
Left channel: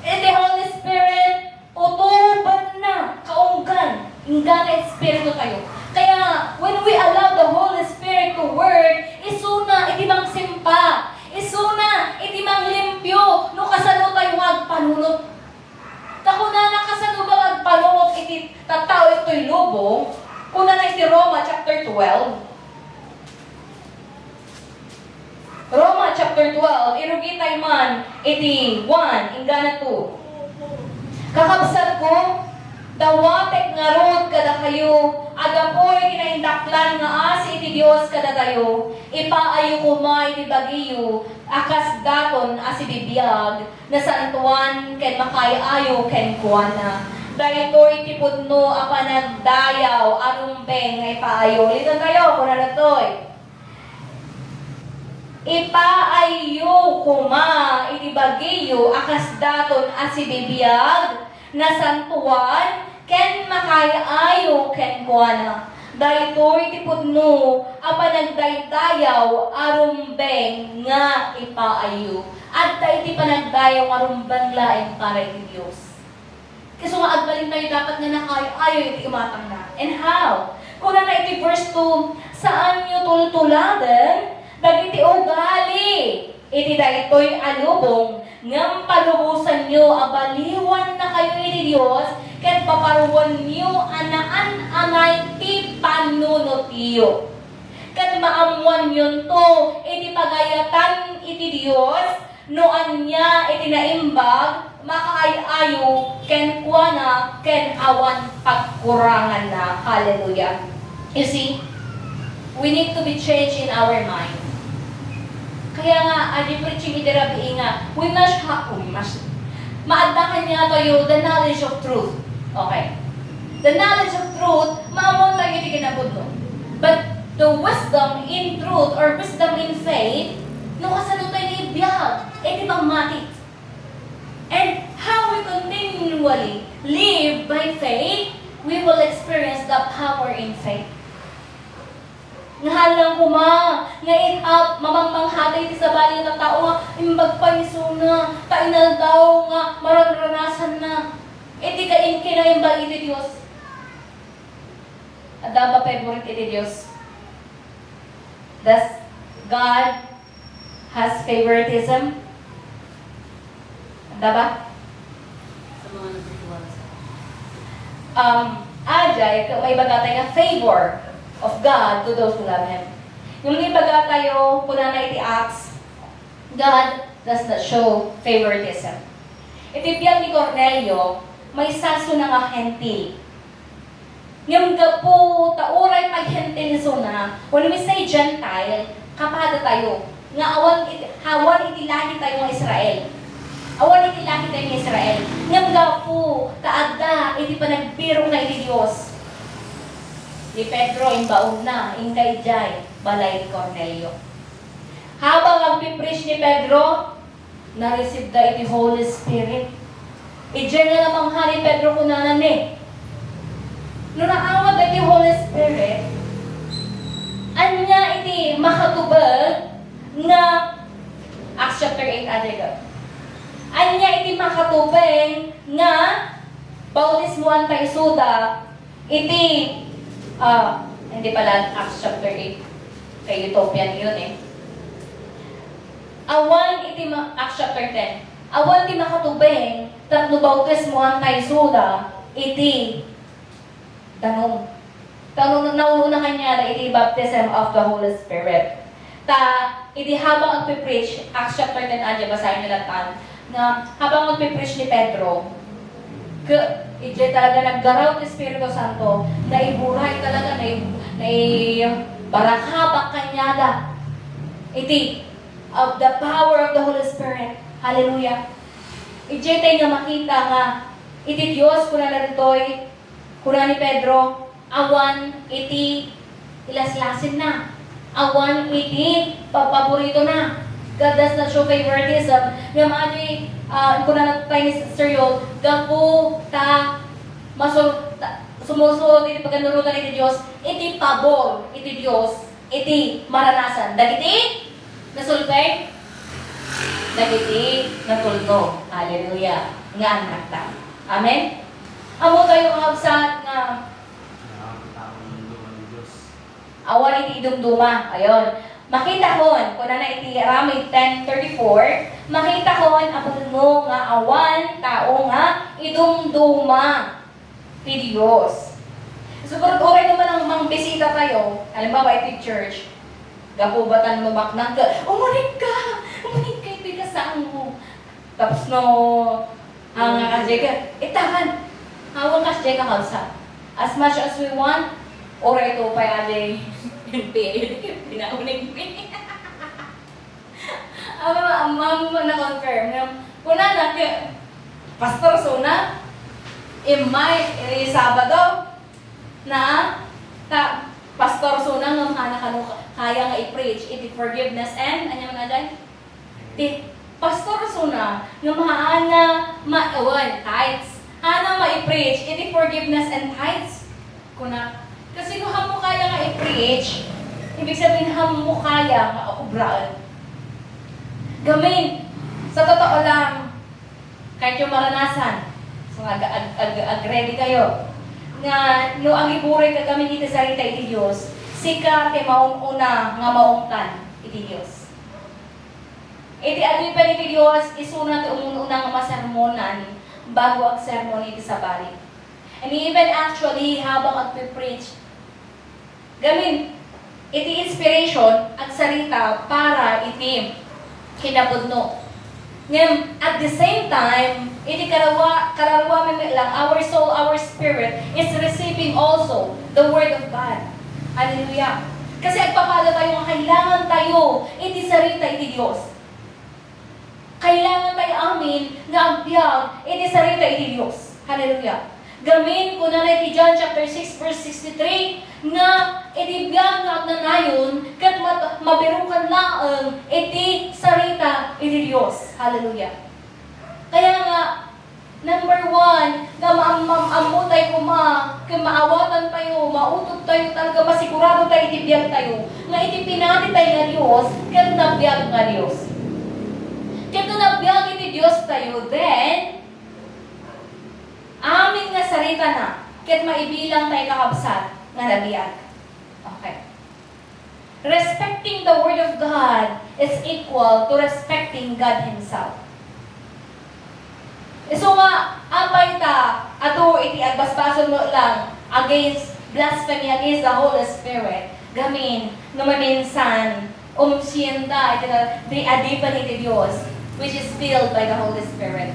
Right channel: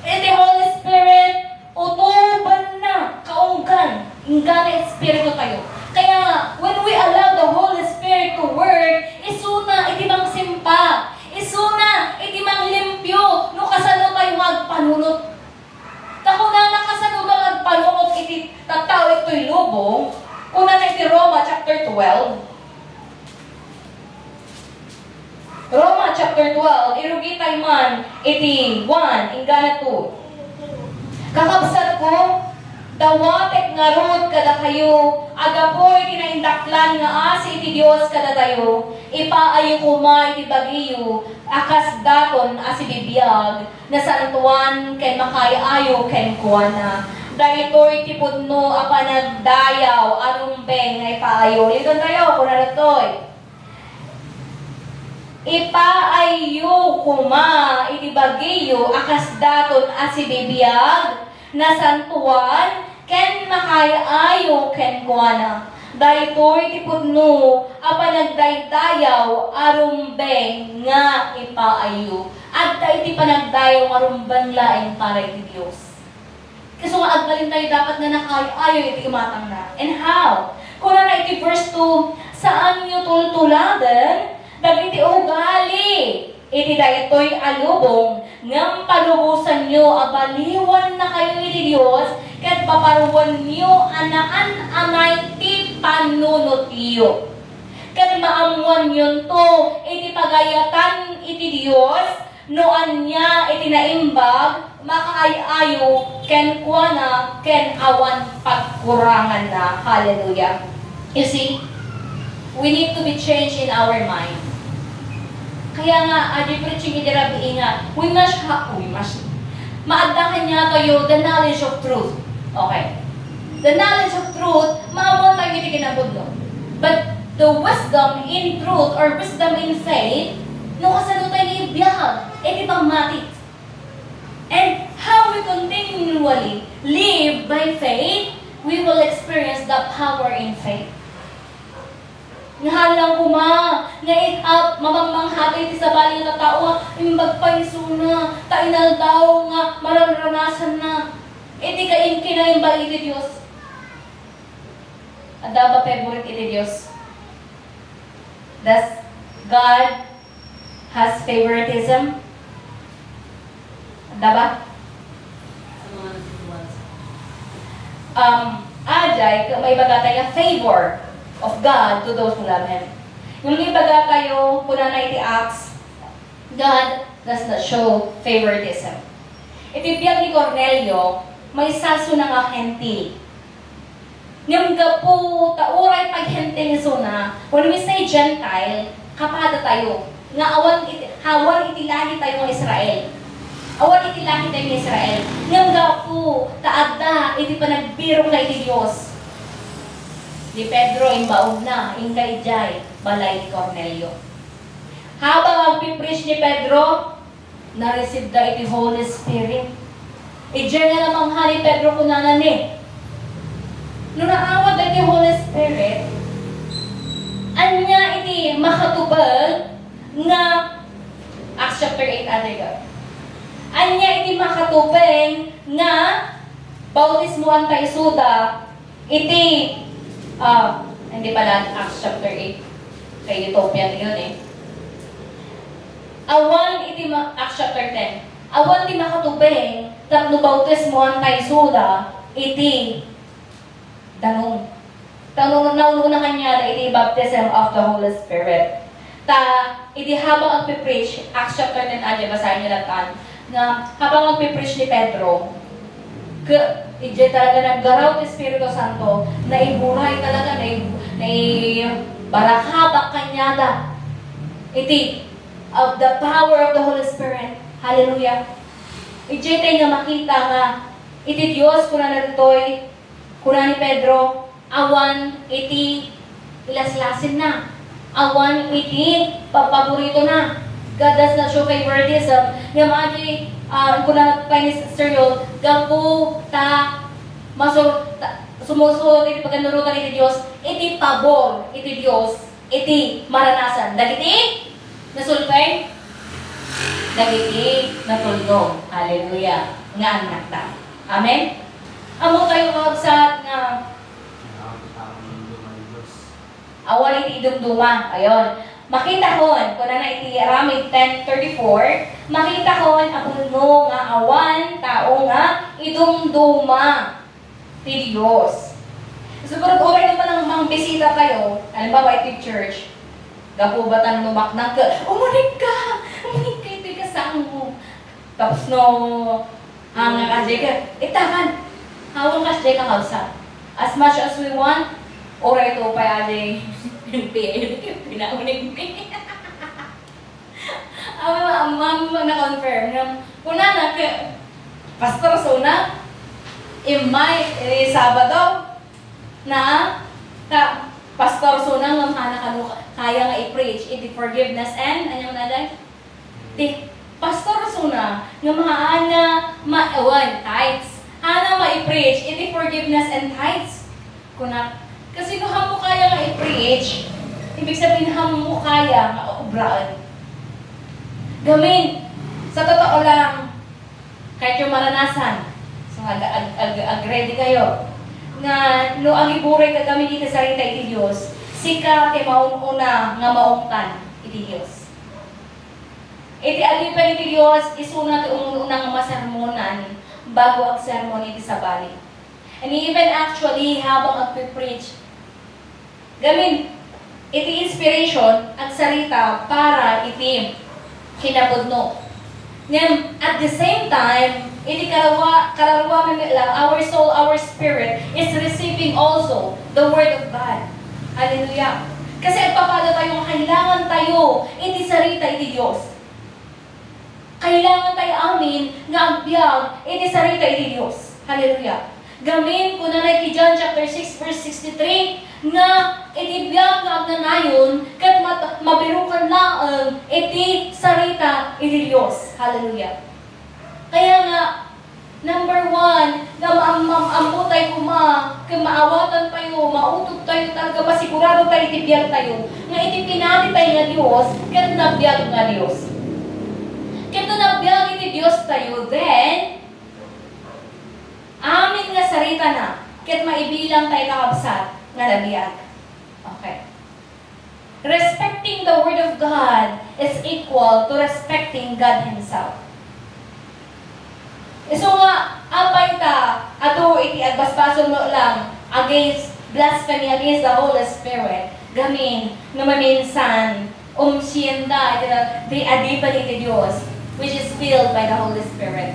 Iti Holy Spirit, utuban na kaunggan. Ingana Espiritu tayo. Kaya, when we allow the Holy Spirit to work, isuna iti magsimpa. Isuna iti manglimpyo. No kasano tayo magpanunod. Tako na nakasano ba magpanunod iti tataw ito'y lubong, kung na iti Roma chapter 12. Roma chapter 12, irugitay man iti 1, ingana 2. Kakabsat ko, dawatek nga rod kada kayo, agapoy kinaindaklan nga asi iti Diyos kada tayo, ipaayo kuma iti bagiyo, akas daton asi bibiyag, na santuan ken makaayo ken kuana. Daytoy ti pudno a panagdayaw arumbeng nga ipaayo. Liton tayo, kuna natoy. Ipaayo kuma iti bagiyo akas daton as ibibiyag na santuan ken makaayo ken kuana. Daytoy ti pudno a panagdaydayaw arumbeng nga ipaayo. At iti panagdayaw arumbeng laing para iti Dios. Kasi nga agbalin tayo dapat nga nakaayo iti imatang na. And how? Kuna na iti verse 2, saan nyo tultuladen dagiti ugali iti daytoy alubong ngam palubusan nyo abaliwan na kayo iti Dios ket paparuwan nyo anaan anay ti panunot iyo ket maamuan nyo to iti pagayatan iti Dios no anya iti naimbag makaayayo ken kuana ken awan pagkurangan na. Hallelujah. You see, we need to be changed in our mind. Kaya nga, adi preaching idirabi nga, we must, maaddakan niya tayo the knowledge of truth. Okay. The knowledge of truth, maamuan tayo iti kinabudlo. But the wisdom in truth or wisdom in faith, no kasano tayo ibiyag, iti pangmati. And how we continually live by faith, we will experience the power in faith. Ngahalang kuma, ngayon up, mamamanghatay ti sa bali ng tao nga, imbagpaiso na, tainal daw nga, mararanasan na. Iti kain kinayin ba iti Diyos? Ada ba favorite iti Diyos? Does God has favoritism? Ada ba? Ajay, may bagatay nga favor of God to those who love Him. Yung ibaga tayo, kuna na iti Acts, God does not show favoritism. Itipiyag ni Cornelio, may saso na nga hentil. Yung gapo, tauray pag hentil na, when we say Gentile, kapada tayo. Nga hawan itilahi tayo ng Israel. Awan itilahi tayo ng Israel. Yung gapo, taada, iti panagbirong na iti Diyos. Di Pedro imbaon na, ingkay jay, balay Cornelio. Habang magpipreach ni Pedro, na-receive da iti Holy Spirit. Ijay nga namang ni Pedro kunanan eh. Nung naawad da iti Holy Spirit, anya iti makatubag na Acts chapter 8 adiga. Anya iti makatubag na bautismuan tayo suda iti hindi pala Acts chapter 8. Kay Utopian yun eh. Awan iti Acts chapter 10. Awan ti makatubeng tapno bautismuan tayo suda iti danong. Tanong naununa kanya iti baptism of the Holy Spirit. Iti habang agpipreach, Acts chapter 10 adya, basahin nyo lang na habang agpipreach ni Pedro, ije talaga naggaraw ti Espiritu Santo, na ibuhay talaga, na barakabak kanyada. Iti, of the power of the Holy Spirit. Hallelujah. Ije tayo nga makita nga, iti Diyos, kuna na rito'y, kuna ni Pedro, awan iti ilaslasin na. Awan iti paborito na. God does not show favoritism. Yung mga di, kuna na tayo ni Sister Yol, gapo ta, sumusunod iti pagkanurutan iti Diyos, iti pabor iti Diyos, iti maranasan. Dagiti, nasulpay? Dagiti, natulno. Hallelujah. Nga anak ta. Amen? Amo tayo kakabsat nga awal iti idumduma. Ayon. Makita kon, kung na iti Aramid 10:34, makita kon apun mo nga awan, tao nga, idumduma ti Diyos. Siguro oray naman ang mga bisita kayo, halimbawa iti church, gapubatan lumaknang ka, umunig ka, ito'y kasaan mo. Tapos no, ang asya ka, itakan, hawang kasya ka hawsa. As much as we want, oray ito pa yali, pinaunig ko. Ang na-confirm na kuna na Pastor Sona, imay Sabado na Pastor, so nang mamhana ka kaya nga i-preach, iti forgiveness and, ano man alay? Ti, pastor, so na, nga mahana, tithes. Hana ma-i-preach, iti forgiveness and tithes. Kuna, kasi no mo kaya nga i-preach, ibig sabihin mo kaya nga obraan. Gamin, sa totoo lang, kahit yung maranasan, so ag-ready kayo, nga no ang iburay ka kami dito sa rita iti Diyos, sika te mauna nga maungtan iti Diyos. Iti alipan iti Diyos, isuna ti umuna nga masermonan bago ang sermon iti sabali. And even actually, habang agpipreach, gamin, iti inspiration at sarita para iti kinabudno. Ngayon, at the same time, iti kalarawanan lang, our soul, our spirit is receiving also the Word of God. Hallelujah. Kasi agpapala tayo, kailangan tayo, iti sarita, iti Diyos. Kailangan tayo amin nga agbyag, iti sarita, iti Diyos. Hallelujah. Gamin ko na iti John chapter 6 verse 63, nga iti biyag nga agnanayon, kat mabirukan laang iti sarita, iti Diyos. Hallelujah. Kaya nga, number one, na maamutay ko kaya maawatan tayo, mautog tayo talaga, masigurado tayo, iti biyag tayo, nga iti pinati tayo nga Diyos, kat nabiyag nga Diyos. Kat nabiyag iti Diyos tayo, then, amin nga sarita na, kat maibilang tayo kakabsat, nga nabiyag. Okay. Respecting the Word of God is equal to respecting God Himself. So nga, apay ta, ato iti agbasbason mo lang against blasphemy, against the Holy Spirit. Gamin, numaminsan, umsiyenda, iti di adipan iti Diyos, which is filled by the Holy Spirit.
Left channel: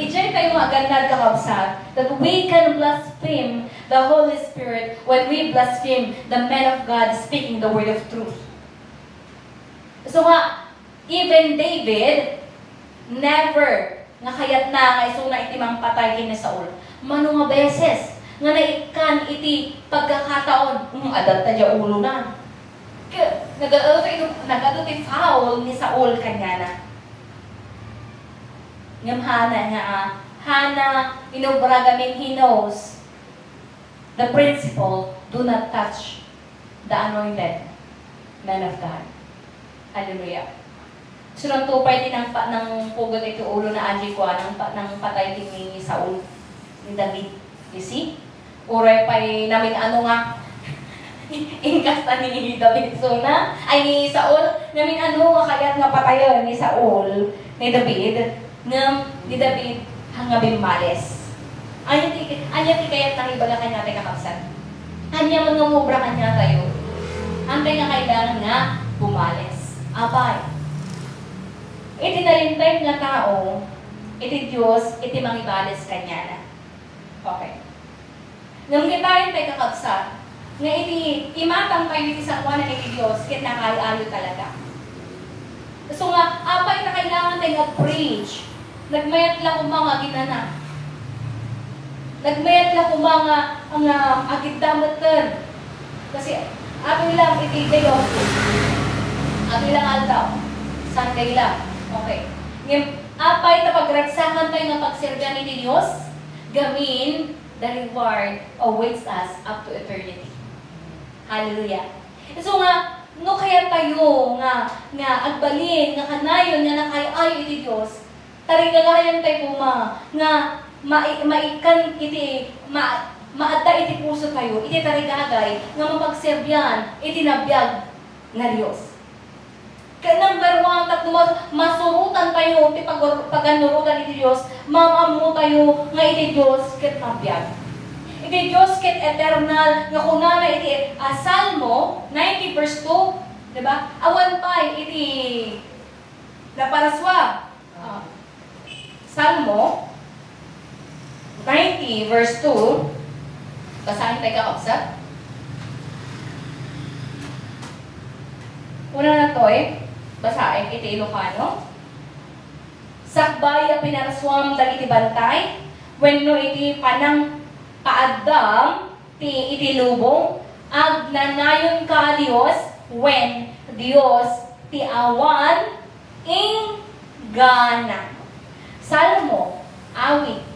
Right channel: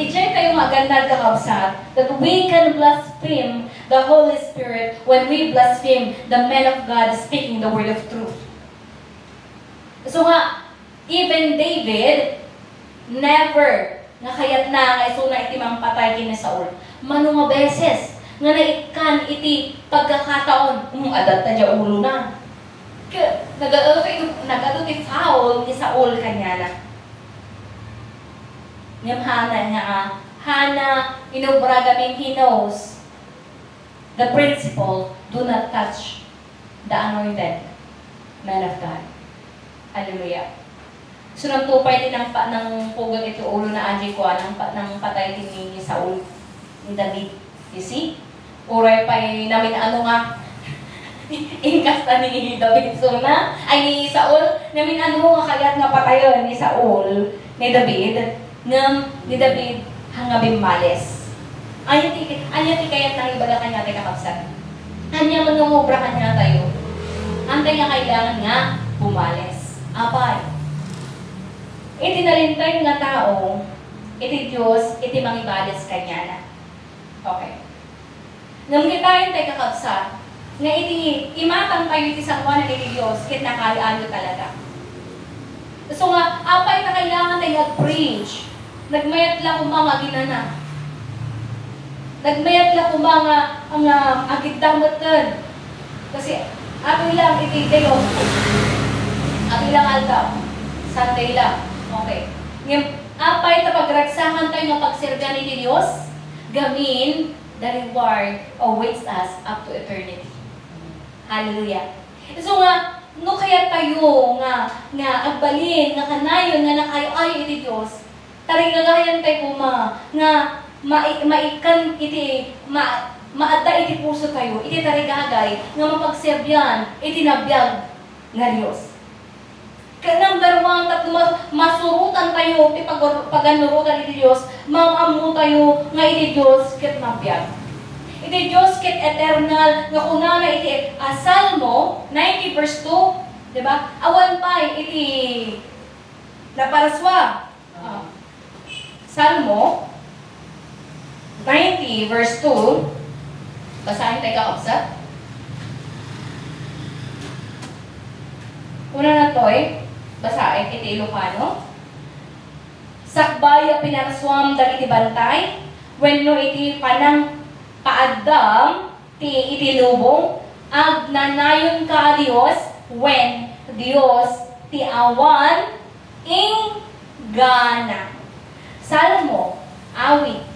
Ijay tayo magandang kakabsat that we can blaspheme the Holy Spirit when we blaspheme the man of God speaking the word of truth. So nga, even David, never nga kayat na nga isuna iti mang patay kini Saul. Mano nga beses nga naikan iti pagkakataon, adal ta dya ulo na. Nag-ado ti foul ni Saul kanya na. Ngam Hana, inubra gamin, he knows the principle, do not touch the anointed man of God. Hallelujah. So, nang tupay din ng pugot ito ulo na anjay ko, ng patay din ni Saul, ni David. You see? Uray pa'y namin nga, ingkasta ni David. So na, ay ni Saul, namin kaya't nga patayon ni Saul, ni David, ni David, hangabing males. Anya ti kayat nang ibaga kanya tayo kakapsan. Anya manumubra kanya tayo. Antay nga kailangan nga bumales. Apay. Iti nalintay nga tao, iti Diyos, iti mangibales kanya na. Okay. Ngam kitain tayo kakapsan, nga iti imatang tayo iti sakwanan iti Diyos, kit nakaayo talaga. So nga, apay na kailangan tayo nag-preach. Nagmayat lang kung mga ginana. Nagmayat lang kung mga ang agitdamatan. Kasi ato lang iti dayo. Ato lang aldaw. Sunday lang. Okay. Ngayon, apay na pagraksahan tayo ng pagsergan ni Diyos, gamin, the reward awaits us up to eternity. Hallelujah. So nga, no kaya tayo nga agbalin, nga kanayon, nga nakayo iti Diyos, taring nagahayan tayo nga maikan iti, maadda iti puso tayo, iti tarigagay, nga mapagserbyan, iti nabiyag nga Diyos. Kaya number one, masurutan tayo, iti paganurutan iti Diyos, mamamu tayo nga iti Diyos, ket nabiyag. Iti Diyos ket eternal, nga kuna na iti Salmo 90 verse 2, diba? Awan pa iti naparaswa. Salmo 90 verse 2, basahin tayo kakapsat. Una na to'y, basahin iti Ilocano. Sakbay a pinaraswam dagiti bantay, wenno iti panang paadam iti lubong, agnanayon ka Dios when Dios ti awan inggana. Salmo, awit.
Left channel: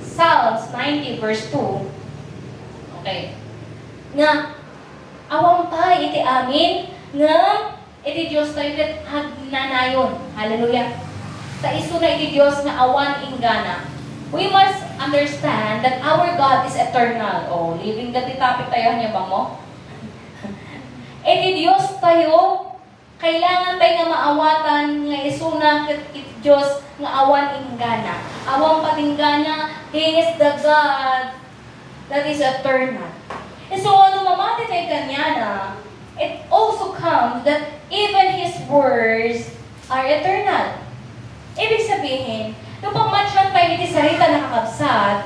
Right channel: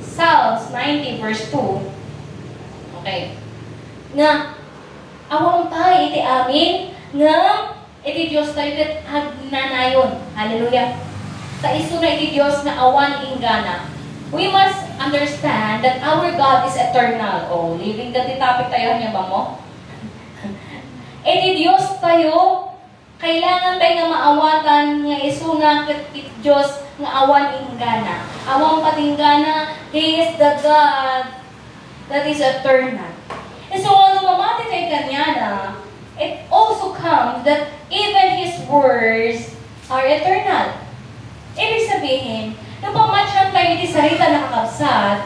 Psalms 90 verse 2. Okay. Nga, awang pa iti amin, nga, iti Diyos tayo kat agnanayon. Hallelujah. Sa iso na iti Diyos na awan inggana. We must understand that our God is eternal. Oh, living that topic tayo niya ba mo? Iti Diyos tayo, kailangan tayo nga maawatan nga isuna iti Diyos nga awan inggana. Awan patinggana, He is the God that is eternal. And so, ano mamati tayo kanya na, it also comes that even His words are eternal. Ibig sabihin, nung pamatyan tayo iti sarita na kakabsat,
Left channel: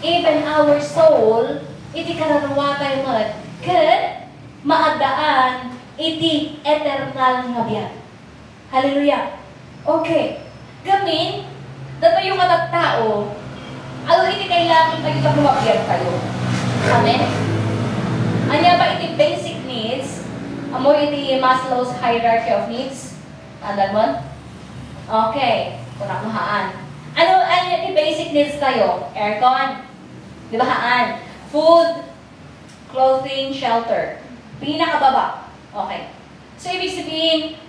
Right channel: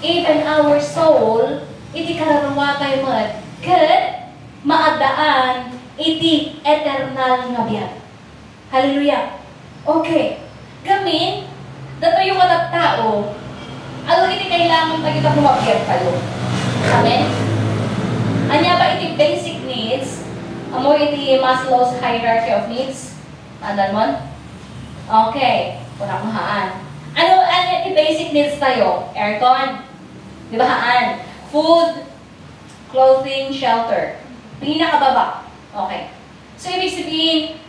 even our soul, iti kararawa tayo mat, kat maadaan iti eternal nga biyan. Hallelujah. Okay. Gamin, dato yung matatao, ano iti kailangan tayo lumabyan kayo? Amen? Anya ba iti basic needs? Amo iti Maslow's hierarchy of needs? Andan mo? Okay. Kunang mahaan. Ano iti basic needs tayo? Aircon. Di ba haan? Food, clothing, shelter. Pinakababa. Okay. So, ibig sabihin,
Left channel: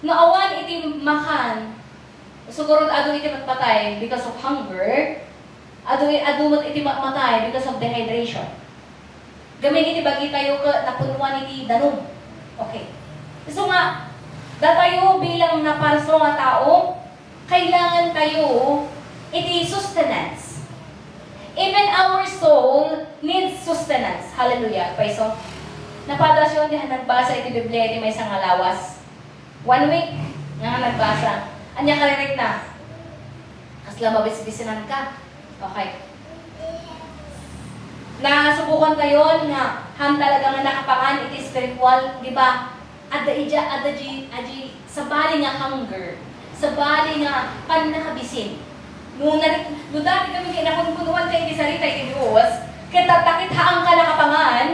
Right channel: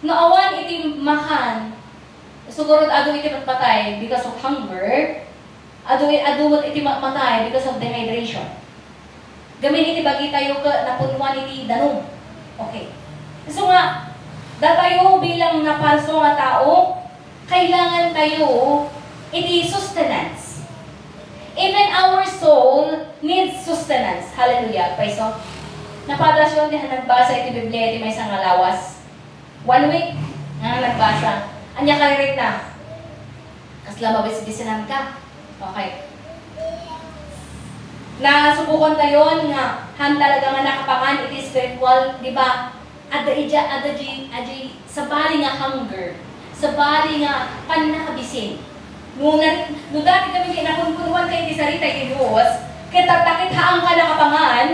naawan iti makan, siguro ado iti matpatay because of hunger, ado iti matpatay because of dehydration. Gamin iti bagi tayo ka napunwan iti danom. Okay. So nga, datayo bilang naparso nga tao, kailangan tayo iti sustenance. Even our soul needs sustenance. Hallelujah. Paiso. Napadasyon di nagbasa iti Biblia iti may isang alawas. 1 week nga nagbasa. Anya kalirit na. Kasla mabis-bisinan ka. Okay. Nasubukan tayo nga han talaga nga nakapangan iti spiritual, di ba? Sa bali nga hunger, sa bali nga panakabisin. No dati kami kinakunkunuan kay iti sarita iti Diyos, kaya tatakit haang ka nakapangan,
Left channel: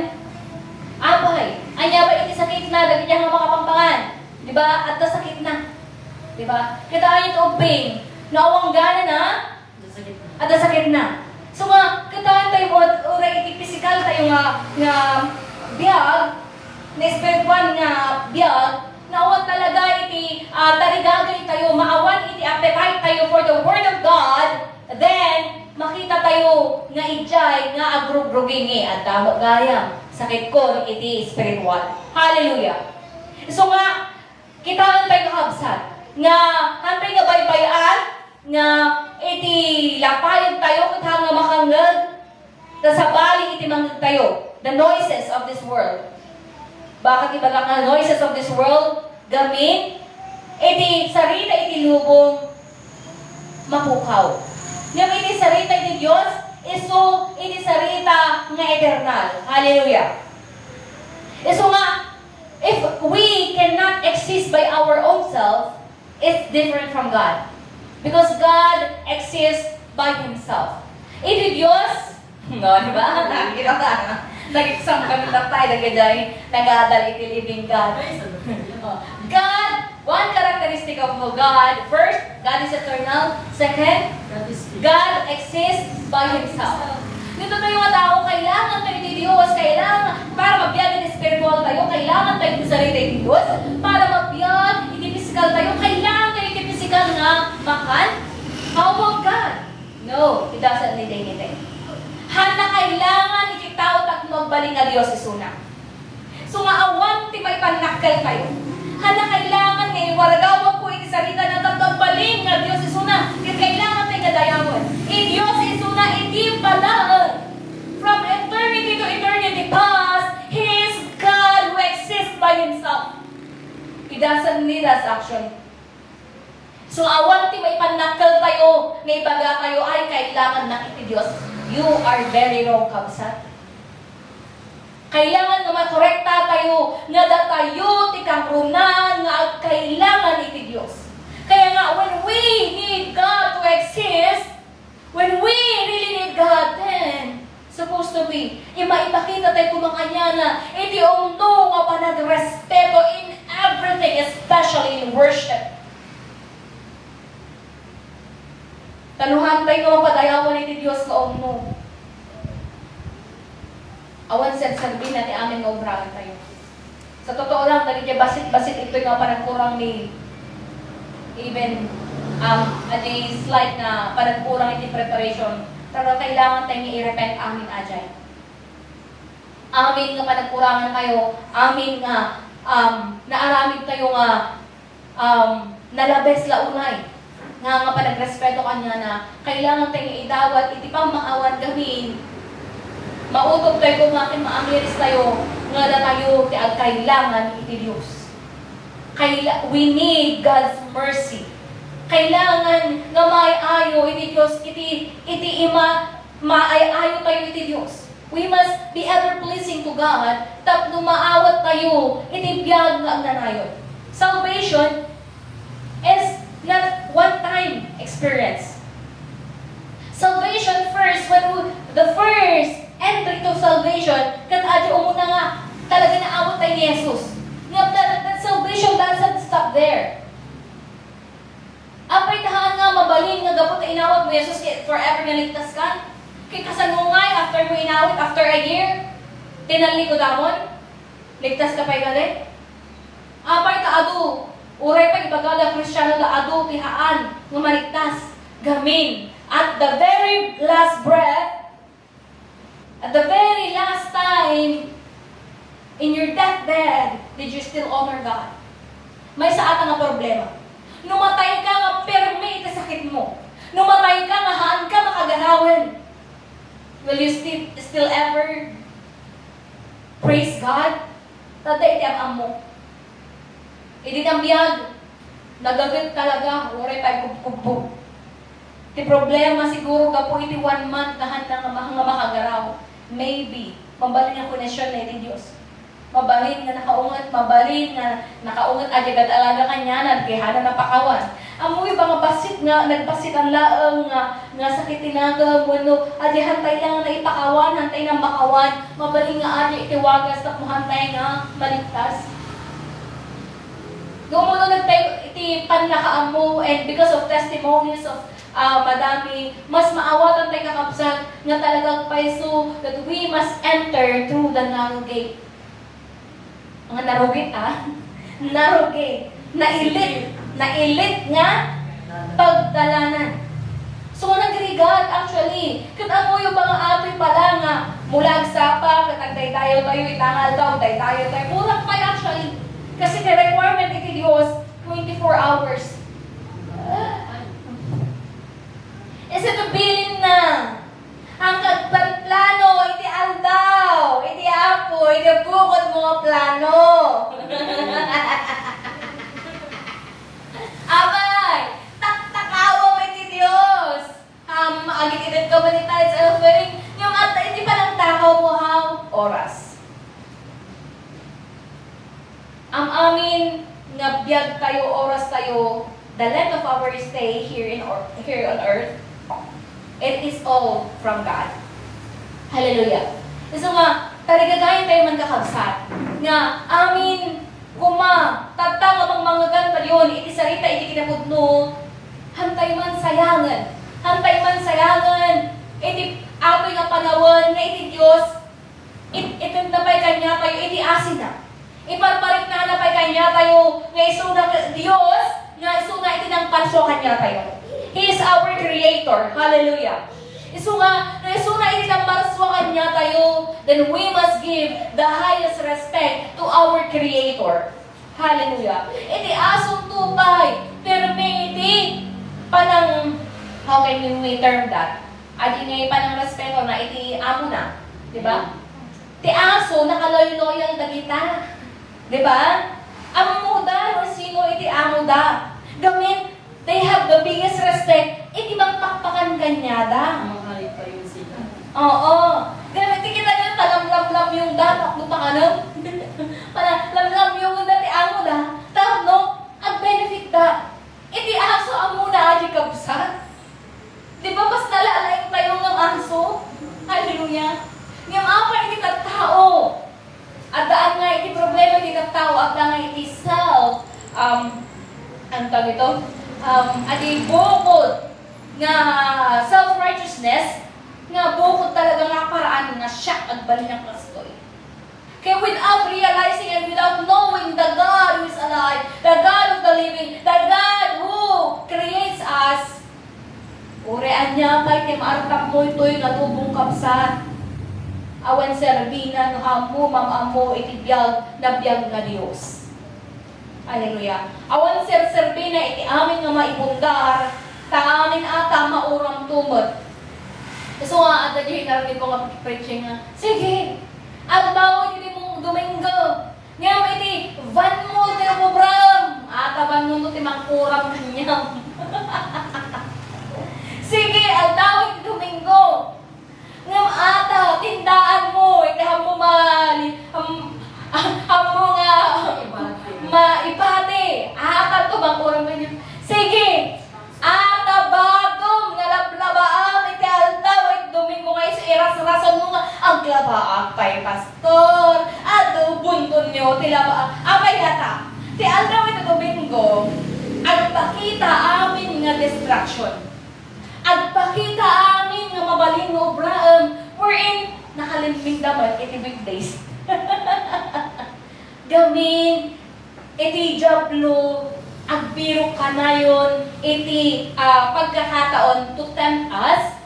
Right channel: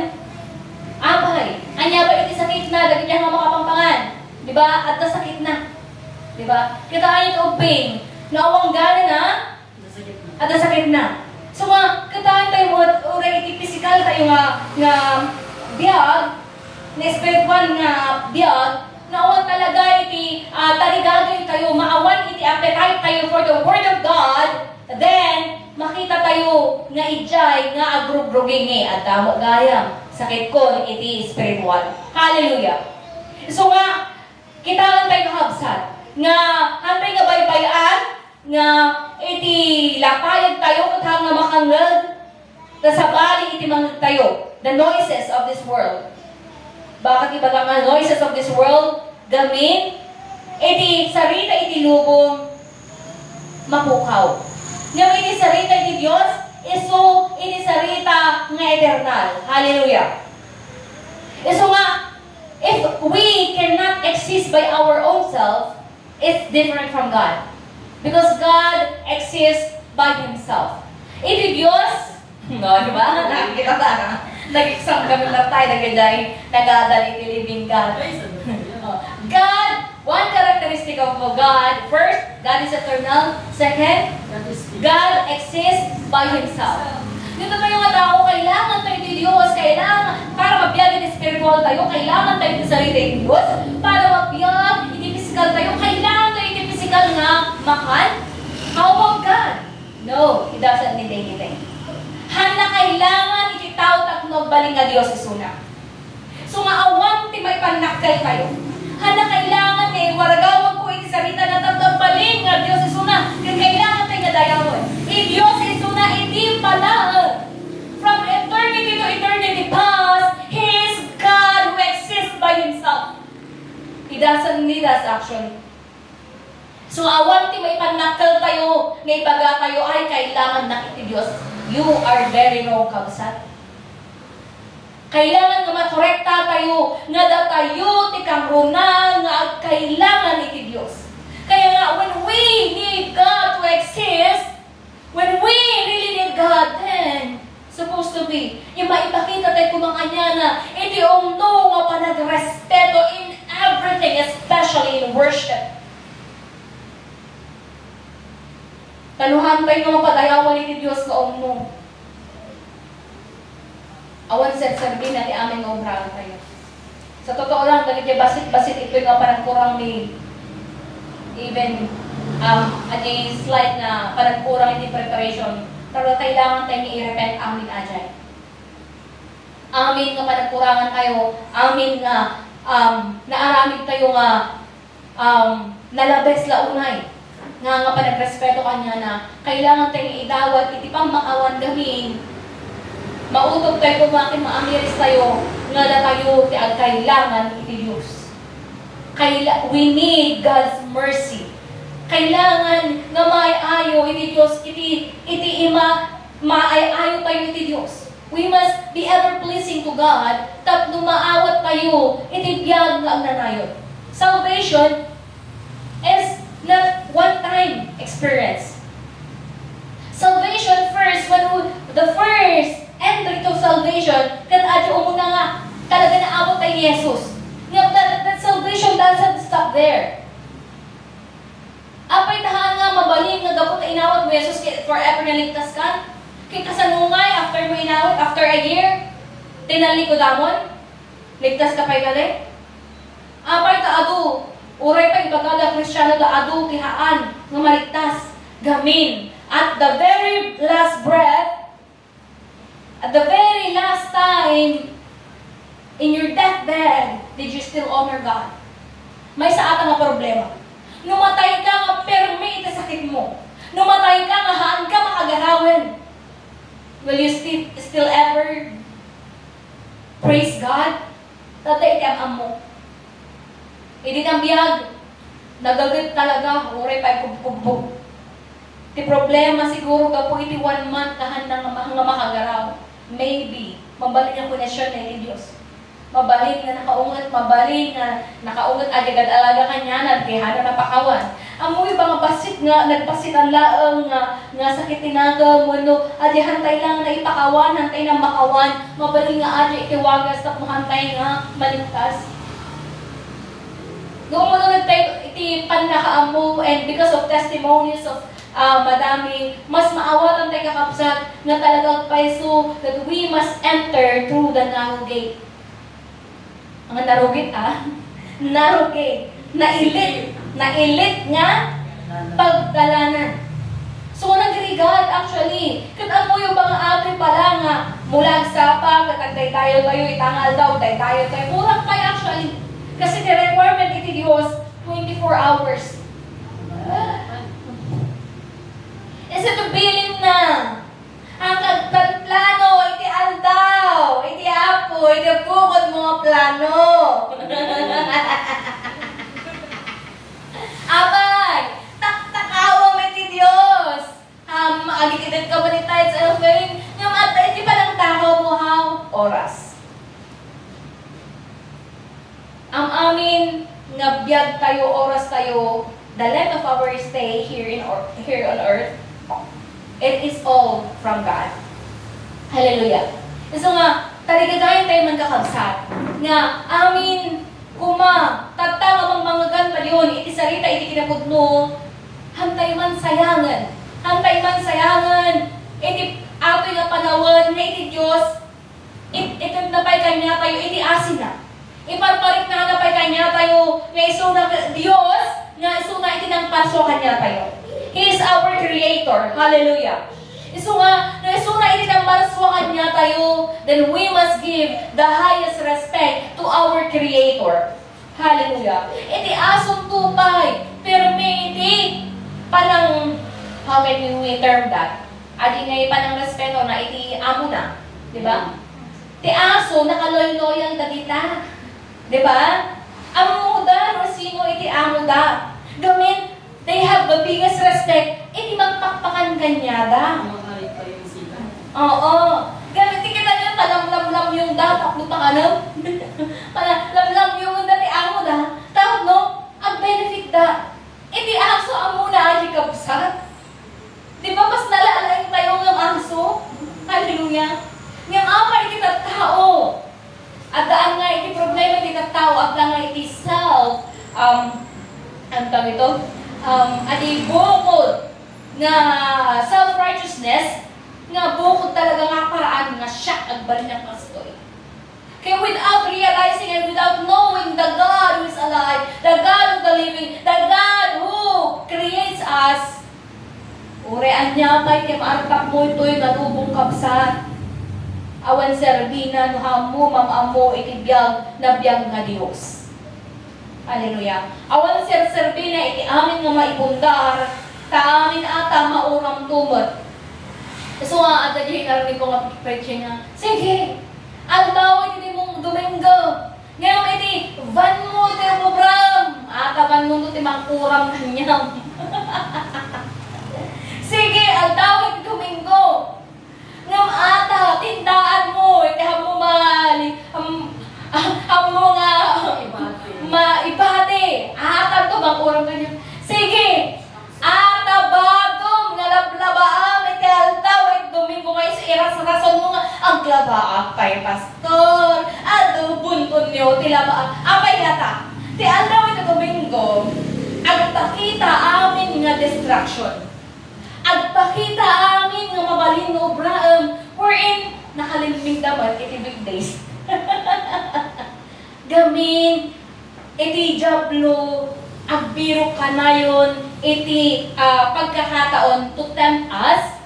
abay, anya ba iti sakit na, dagit niya nga makapangpangan. Di ba? At sakit na. Di ba? Kita ayon ito pain, naawang gana na, at sakit na. So nga, kita tayo mo, uray iti physical tayo nga biyag, na spiritual nga biyag, naawan talaga iti taligagay tayo, maawan iti appetite tayo for the Word of God, then, makita tayo nga ijay, nga agrugrugingi, at tamo gayam, sakit ko iti spiritual. Hallelujah! So nga, kita tayo nakabsat, nga hantay nga baybayan, nga iti lapayan tayo katang nga makangag, sa bali iti mangag tayo, the noises of this world. Bakit ibaga nga noises of this world, gamin, iti sarita iti lubong, mapukaw. Ngayon iti sarita iti Diyos, iso iti sarita nga eternal. Hallelujah. Iso nga, if we cannot exist by our own self, it's different from God. Because God exists by Himself. Iti Diyos, no, di ba? Nakikita ka na. Nag-exam kami na tayo, nag-adal iti living God. God, one characteristic of God, first, God is eternal. Second, God exists by Himself. Dito ba yung tao, kailangan tayo iti Diyos, kailangan, para mabiyag iti spiritual tayo, kailangan tayo iti sarita iti Diyos, para mabiyag iti physical tayo, kailangan tayo iti physical nga makan. How about God? No, He doesn't need anything. Hana kailangan iti tao at magbaling nga Diyos isuna. So nga awan ti may panakal kayo. Hana kailangan waragawag ko iti sarita na tatagbaling nga Diyos isuna. Kailangan tayo nga dayawon. Diyos isuna iti pala. From eternity to eternity past, He is God who exists by Himself. He doesn't need us actually. So awan ti may panakal tayo, ngay baga kayo ay kailangan na iti Diyos. You are very wrong, kabsat. Kailangan nga makorekta tayo, nga datayo ti kamrunan, nga kailangan iti Diyos. Kaya nga, when we need God to exist, when we really need God, then, supposed to be, maipakita Tanuhantay nga mapadayawan iti Diyos kaon mo. Awan serserbi na ti amin nga obrahan tayo. Sa totoo lang, dali basit-basit ito nga panagkurang ni even adi slight na panagkurang iti preparation. Pero kailangan tayo i-repent amin ajay. Amin nga panagkurangan tayo, amin nga naaramid tayo nga nalabes launay. Nga panagrespeto kanya na kailangan tayo idawat iti pang maawan gamin. Mautog tayo kumakin maamiris tayo nga na tayo ti kailangan iti Diyos. We need God's mercy. Kailangan nga maayo iti Diyos, iti maayo tayo iti Diyos. We must be ever-pleasing to God, tapno maawat tayo, iti biyag nga agnanayon. Salvation is not one-time experience. Salvation first, the first entry to salvation, kat adyo umuna nga, talaga naabot tayo Jesus. That salvation doesn't stop there. Apay tahaan nga mabaling nga gapot na inawat mo Jesus forever na ligtas ka. Kay kasanungay, after mo inawat, after a year, tinalikodamon, ligtas ka pa'y gali. Apay taadu, uray pa ibagala Kristyano taadu, tihaan, nga maligtas, gamin. At the very last breath, at the very last time, in your deathbed, did you still honor God? May saata nga problema. Numatay ka nga perme iti sakit mo. Numatay ka nga haan ka makagarawan. Will you still ever praise God? Tatay iti ang mo. Hindi nang biyag. Nagagit talaga. Uray pa ikubkubog. Ti problema siguro ka po iti 1 month na handang nga makagaraw. Maybe. Mabalin ang konesyon na iti Diyos. Mabalin nga nakaungat, mabalin nga nakaungat agad alaga kanya na kaya na napakawan. Amoy ba nga basit nga, nagbasit ang laang nga sakit tinagam, wano, adi hantay lang na ipakawan, hantay na makawan, mabalin nga adi itiwagas, tak mo hantay nga maligtas. Noong mo nagtay, iti panakaamo, and because of testimonies of madami, mas maawatan tayo kakapsat nga talagang paiso that we must enter through the narrow gate. Ang narugit narugit, nailit nga pagdalanan. So nagrigat actually, kat ang yung mga atoy pala nga mula sa pa, katagday tayo itangal daw, tayo, kurang pa actually. Kasi the requirement iti Diyos, 24 hours. Isa to bilin na. Ang kagplano, iti aldaw, iti apo, iti bukod mga plano. Abay, tak-takawam iti Diyos. Agit-itin ka ba ni tayo sa offering? Yung iti pa ng takaw mo oras. Ang amin nga biyag tayo, oras tayo, the length of our stay here on earth, it is all from God. Hallelujah. So nga, taligagayin tayo man kakabsat. Nga, amin, tatang amang mga ganta yun, iti sarita, iti kinapudno, hantay man sayangan. Hantay man sayangan, iti apoy nga panawan, na iti Diyos, ito napay kanya tayo, iti asin na. Iparparit na napay kanya tayo, nga iso na Diyos, nga iso na iti ng pasyo kanya tayo. He is our Creator. Hallelujah. Iso nga, iso na iti ng marswa kanya tayo, then we must give the highest respect to our Creator. Hallelujah. Iti asong tupay, pirme iti panang, how can we term that? Adi ngay panang respeto na iti amo na. Diba? Ti aso, nakaloy-loyal na kita. Diba? Amo da, sino iti amo da. Gamit, they have the biggest respect. Iti magpakpakan kanya da. Oo. Gamit, kita nyo, talamlam yung da, takbo pang ano. Lamlam yung da, ti amo da. Tapos no, ang benefit da. Iti aso, amo na aji kapsat. Diba, mas nalalaing tayo ng aso? Hallelujah. Ngam apa iti tao. At daan nga iti problema iti tao, at daan nga iti self, ang tawag ito, ati bukod nga self-righteousness, nga bukod talaga nga paraan nga siya agbalin ng kastoy. Kaya without realizing and without knowing the God who is alive, the God of the living, the God who creates us, urean niya pa'y kimartak mo ito'y natubong kapsat. Awan serbina no hamo mamamo itibiyag na biyag nga Diyos. Hallelujah. Awan serbina iti amin nga maibundar, ta amin ata mauram tumot. So nga, at narinig ko nga preaching nga, sige, ang tawag hindi mong Domingo. Ngayon, iti, van mo, iti program. Van mo, iti mangkuram kanyang. Sige, ang tawag iti Domingo. Ngayon, ata, tindaan mo, iti hamo hamo nga, maibate. Ata, ito mangkuram kanyang. Sige, ata, bagong, nalablabaam, iti aldaw, Domingo nga iras-rason mo nga ang glabaak kay pastor at bunton nyo tilabaak apay hata ti aldaw ito Domingo agpakita amin nga distraction agpakita amin nga mabalin nga obraam wherein nakalimping dapat iti weekdays gamin iti jablo agbiro kanayon iti pagkakataon to tempt us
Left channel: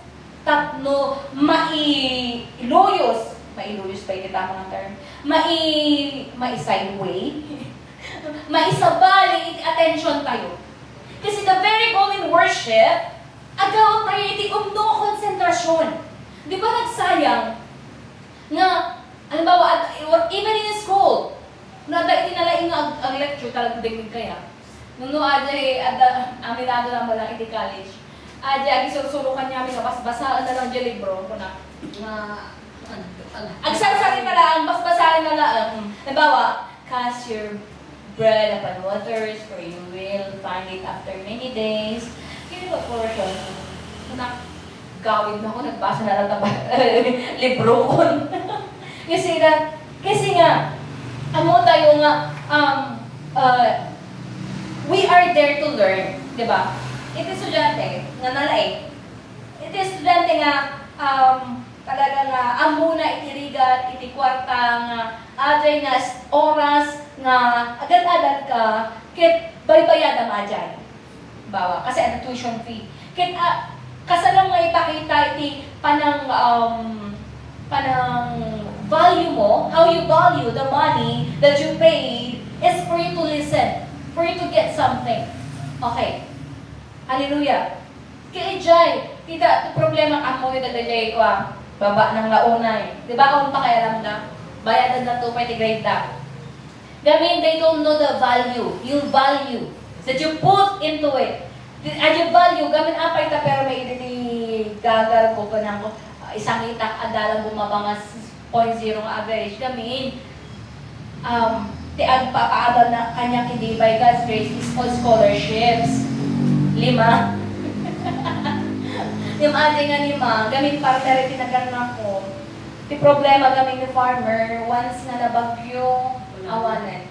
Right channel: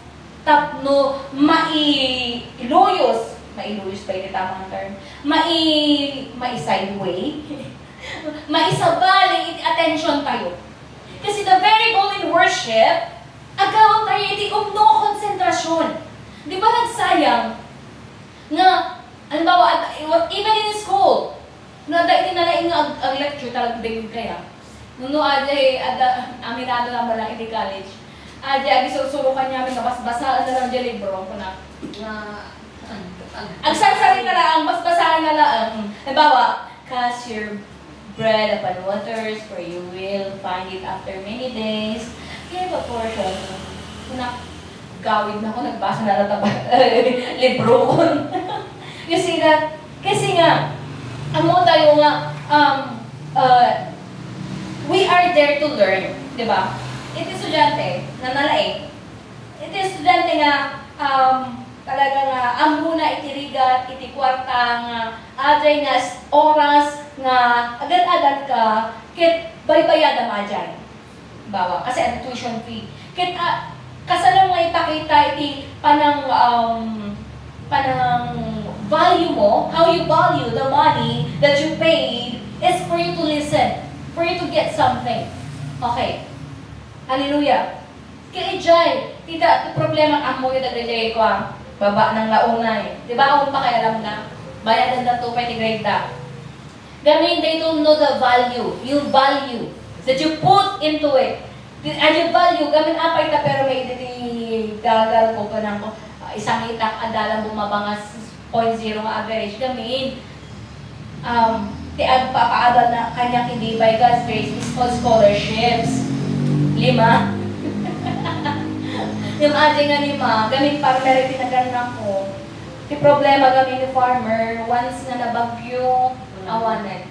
tapno mailuyos pa yung tamang term, mai-sideway, maisabali, attention tayo. Kasi the very goal in worship, agaw tayo iti konsentrasyon. Di ba nagsayang nga, halimbawa, even in school, iti nalaing ang lecture talagang bigig kaya. Nuno aminado na mo lang iti college. Adi susurukan niya kami basaan na lang dyan libro ko na agsasarin na lang, basaan na lang. Halimbawa, cast your bread upon waters for you will find it after many days. Kaya ba portion? Kuna, gawid na ako, nagbasa na lang libro ko. You see that? Kasi nga, tayo nga, we are there to learn, di ba? Iti estudyante nga nalaing. Iti estudyante nga talaga nga amuna iti rigat iti kwarta nga aday nga oras nga agad-agad ka ket baybayada majay. Bawa kasi ang tuition fee. Ket kasalang nga ipakita iti panang value mo, how you value the money that you paid is for you to listen, for you to get something. Okay. Hallelujah. Kaya Jai, tita, problema ang mo yung nagdajay ko baba ng launa eh. Di ba akong pakialam na? Bayadan na 2.5 grade ta. Gamin, they don't know the value. Yung value that you put into it. As you value, gamin apay ta pero may gagal ko ka ng isang itak adalang bumaba nga 0.0 nga average. Gamin, ti agpapaadal na kanyang hindi by God's grace is called scholarships. 5. Yung ating nga 5, gamit farmer tinaganap ko. Ti problema gamit yung farmer, once nga nabagyo, awanen.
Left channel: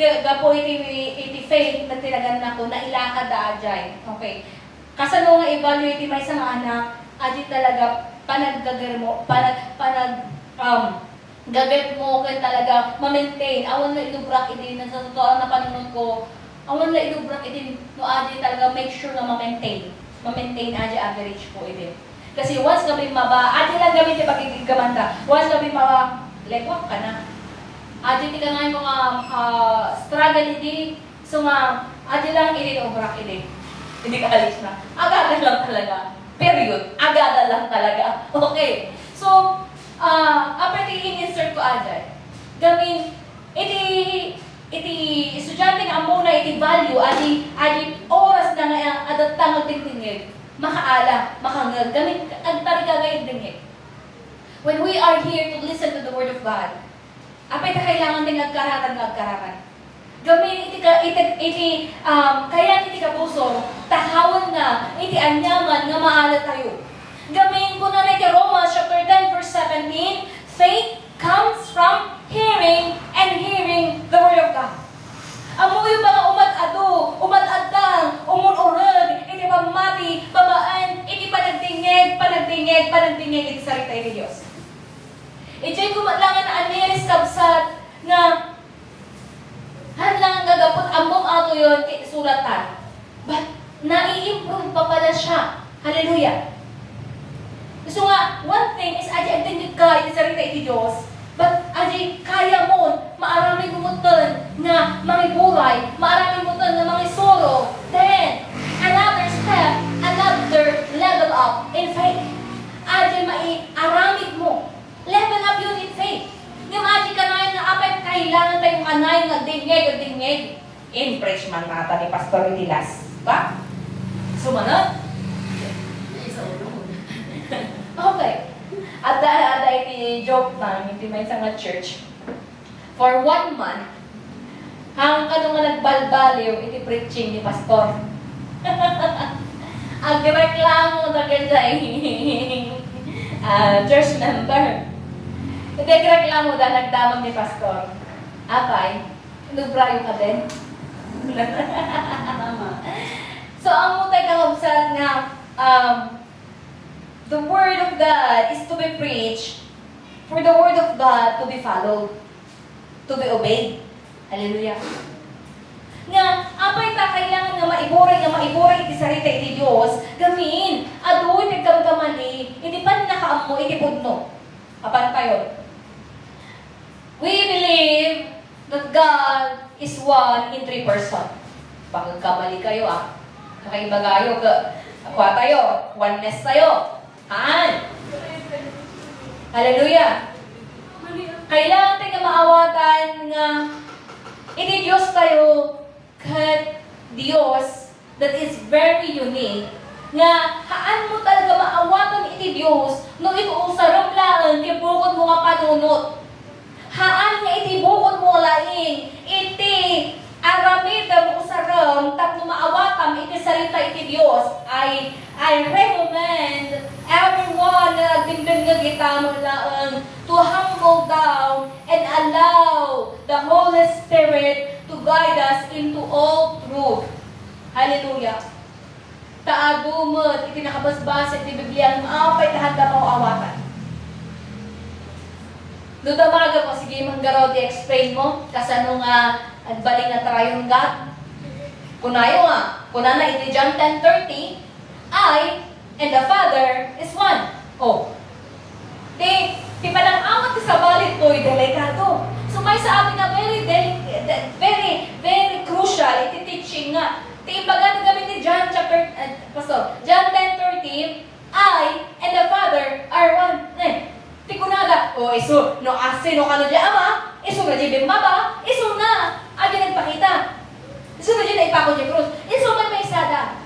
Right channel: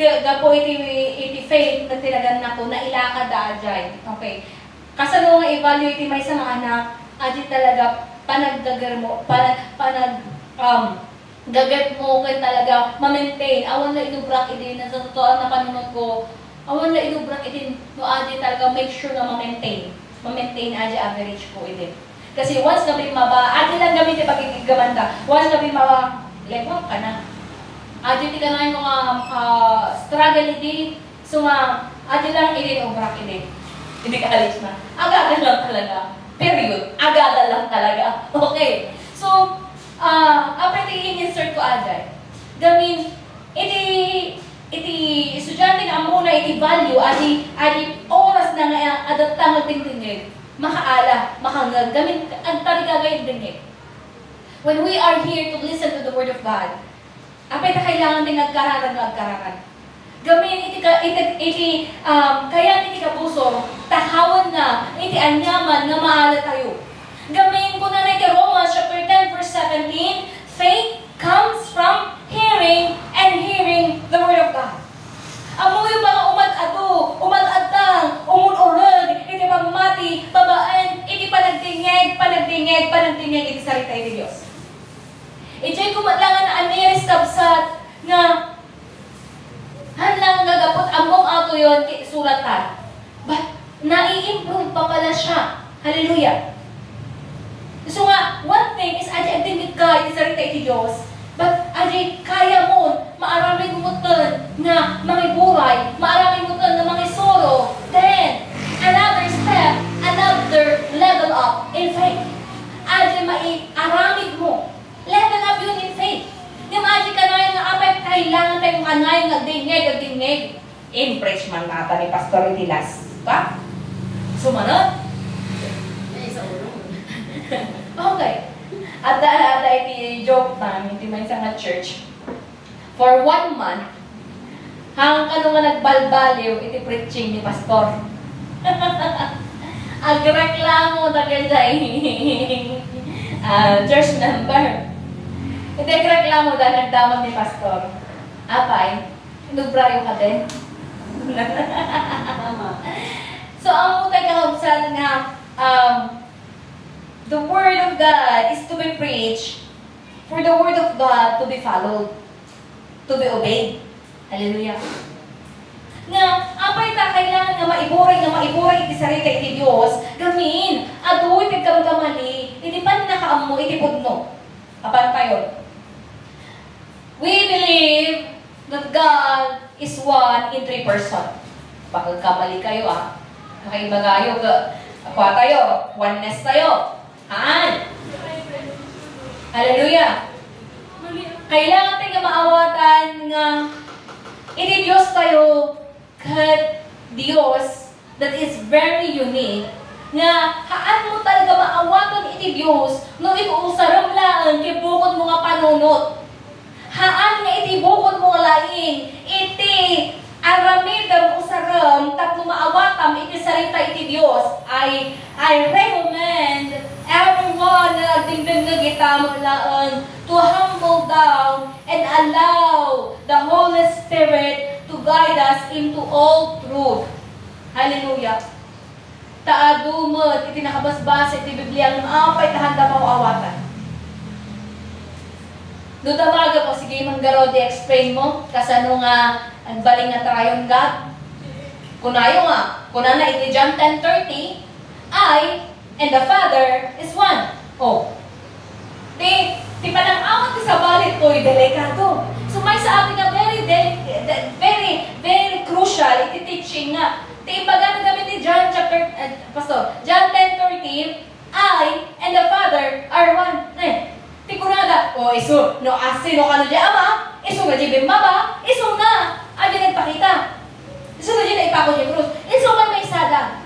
Gapo iti faith na tinaganap ko, na ilakad da ajay. Okay. Kasano nga evaluate may isang anak, adi talaga panaggagar mo, gagat mo kan talaga ma-maintain. Awan na inubrak idin na sa totoo na panunod ko. Awan na inubrak idin no adi talaga make sure na ma-maintain. Ma-maintain adi average ko idin. Kasi once gabi maba, adi lang gamit yung pagkikigabanda. Once gabi maba, lewak ka na. Adi ti ka na yung mga struggle idin. So nga, adi lang idin ubrak idin. Hindi ka alis na. Agada lang talaga. Period. Agada lang talaga. Okay. So, apre i-insert ko aday. Gamin, iti estudyante nga muna iti value, adi oras na nga adatang tingtingig, makaala, makangag, gamin, ang tali kagayag dingig. When we are here to listen to the Word of God, apay ta kailangan ting agkararan. Gamin, kaya iti kapuso, tahawan nga, iti anyaman nga maala tayo. Gamin ko na kay Romans chapter 10 verse 17, faith comes from hearing and hearing the Word of God. Amo yung mga umad-adang, umun-urag, iti pamati, babaen, dingay iti sarita iti Dios. Ito'y kumatlangan na amiris kabsat nga hanlang gagapot ambong auto yun kay suratan. But nai-improve pa pala siya. Hallelujah. So nga, one thing is aji agdingit ka iti sarita iti Dios. But aji kaya mo maaramay gumutan nga mga buray, maaramay gumutan nga mga solo. Then another step, another level up in faith. Aji mai-aramid mo. Level up yun in faith. Nga maaji ka na nga apay kailangan tayong anay nga dingeg. In-preach man nata ni Pastor Dilas. Ba? Sumanod? Okay. At iti joke time, iti may isang church. For 1 month, hanggang ka nga nagbalbaliw, iti preaching ni Pastor. Agreklamo na ganyan church member. Iti agreklamo dahil nagdamag ni Pastor. Apay, inubrayo ka din. So, ang mutay kahubsat nga, the Word of God is to be preached, for the Word of God to be followed, to be obeyed. Hallelujah. Nga, apay ta kailangan nga maiburay iti sarita iti Dios, gamin, aduy tigkamkamali, iti pan nakaammo, iti pudno. Kapan tayo? We believe that God is one in 3 person. Bakit kamali kayo Makaiba kayo. Aqua tayo. Oneness tayo. Hallelujah. Kailangan tayo maawatan nga iti Diyos tayo kat Diyos that is very unique nga haan mo talaga maawatan iti Diyos no ikuusaram laan kay bukod mo nga panunot. Haan nga iti bukod mo nga laing iti aramidam usaram tapno maawatam iti salita iti Dios. I recommend everyone na nagdingding nagitamo laan to humble down and allow the Holy Spirit to guide us into all truth. Hallelujah. Taadumot iti nakabasbasa iti Biblia ang apay tahanda mawawatan. Dutamaga po, sige manggaro di-explain mo kasano nga agbaling na trayon God. Kunayo nga, kunana iti John 10:30, I and the Father is one. Di panang-awat ti sa balit ko, delikado. So may sa ating nga very crucial iti teaching nga. Ti ibaga gamit ni John John 10:30, I and the Father are one. Ti kunada, iso, no asino ka no di ama, iso nga di bimbaba, iso nga, ay nagpakita. Iso nga di na ipako di krus, iso nga may sada.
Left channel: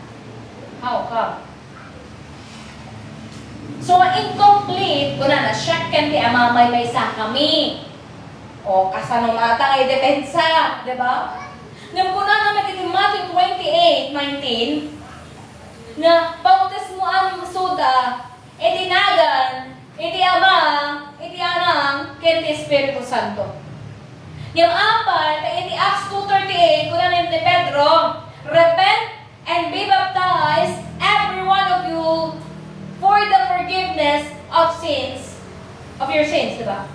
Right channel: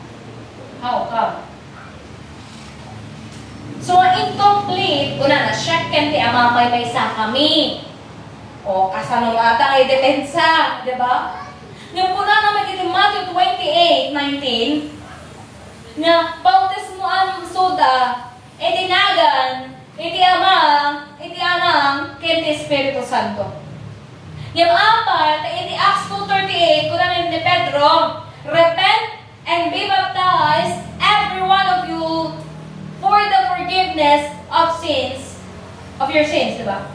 How come? So, incomplete, kuna na, check kan ti ama may sa kami. Kasano mata ay depensa, di ba? Nung kuna naman iti Matthew 28:19, na bautismo ang suda, tinagan, iti ama, iti anang, ken ti Espiritu Santo. Yung apat, iti Acts 2:38, kuna ni Pedro, repent and be baptized, every one of you, for the forgiveness of sins, of your sins, diba?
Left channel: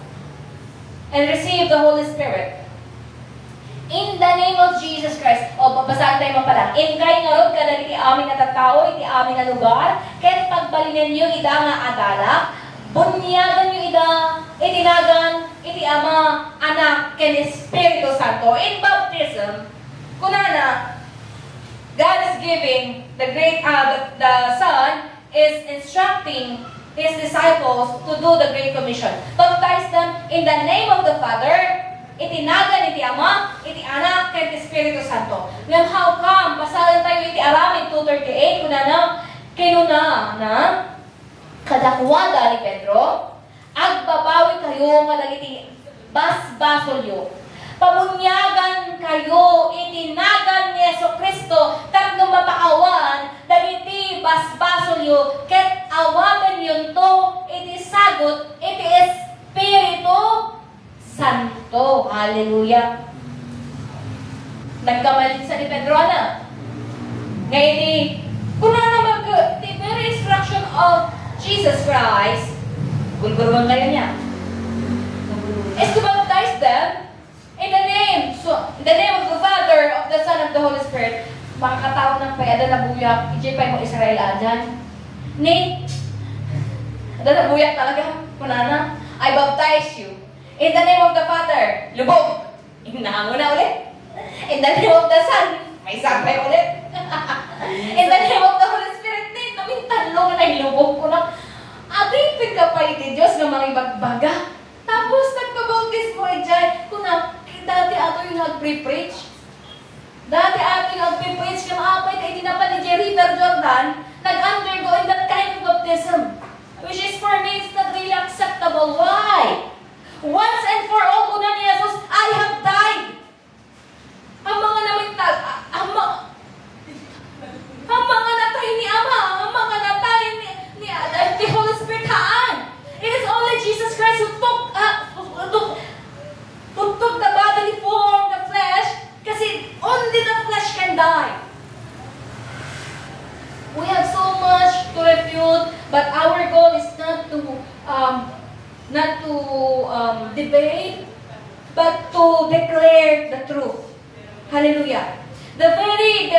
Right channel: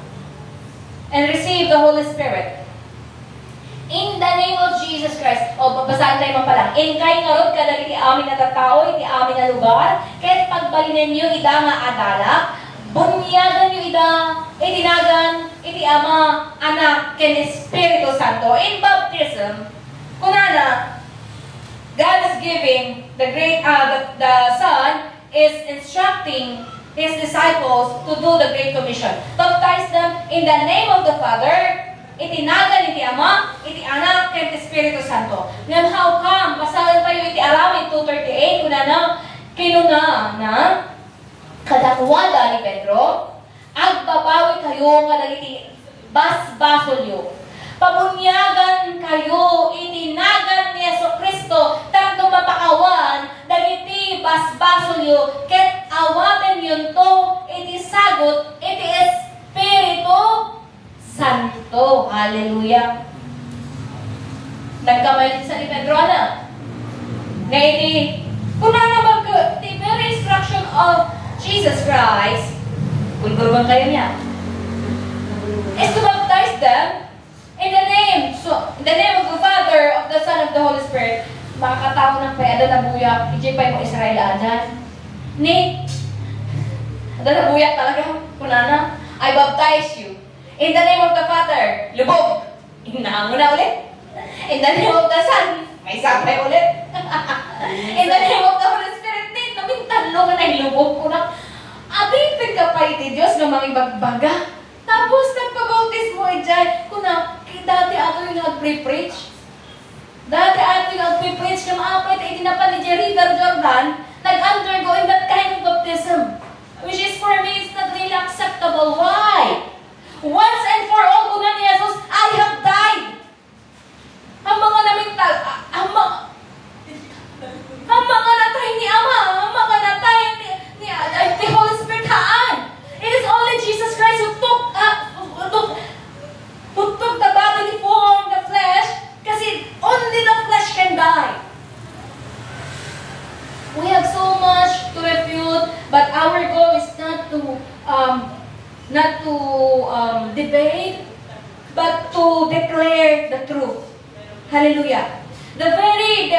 And receive the Holy Spirit. In the name of Jesus Christ. Babasahin tayo mo pala. In kay ngarod ka dali iti amin na tattao, iti amin na lugar, kahit pagbalinin nyo ida nga adala, bunyagan nyo ida, itinagan, iti ama, anak, ken Espiritu Santo. In baptism, kunana, God is giving the Son is instructing His disciples to do the Great Commission. Baptize them in the name of the Father, itinagan iti Ama, iti Anak, ken Espiritu Santo. Ngam how come, pasalan tayo iti Aramid 2:38, kinuna na, kadakwada ni Pedro, agbabawi kayo nga dagiti basbasolyo. Pabunyagan kayo, itinagan ni Jesucristo, tapno mapakawan, dagiti basbasolyo, ket awaten yun to, iti sagot, iti Espiritu Santo. Hallelujah. Nagkamalit sa ni Pedro na. Ngayon, kuna naman the very instruction of Jesus Christ, Gulgurban kayo niya. Is to baptize them in the name of the Father, of the Son, of the Holy Spirit. Makakatao ng payada na buyak, ijipay mo Israel ajan. Ni, ada na buyak talaga, kunana, I baptize you. In the name of the Father, lubog. Inahango na ulit. In the name of the Son, may sampay ulit. In the name of the Holy Spirit, ni, namin talo nga na lubog ko na. Abipin ka pa iti Diyos nga mga ibagbaga. Tapos nagpabautis mo ijay. Kuna, dati ato yung nag-pre-preach. Dati ato yung nag-pre-preach na maapay tayo dinapan ni River Jordan, nag-undergo in that kind of baptism. Which is for me, it's not really acceptable. Why? Once and for all, una ni Jesus, I have died. Ang mga namintag, ang mga natay ni Ama, ang mga natay ni the Holy Spirit haan. It is only Jesus Christ who took the bodily form, the flesh, kasi only the flesh can die. We have so much to refute, but our goal is not to debate, but to declare the truth. Hallelujah. The very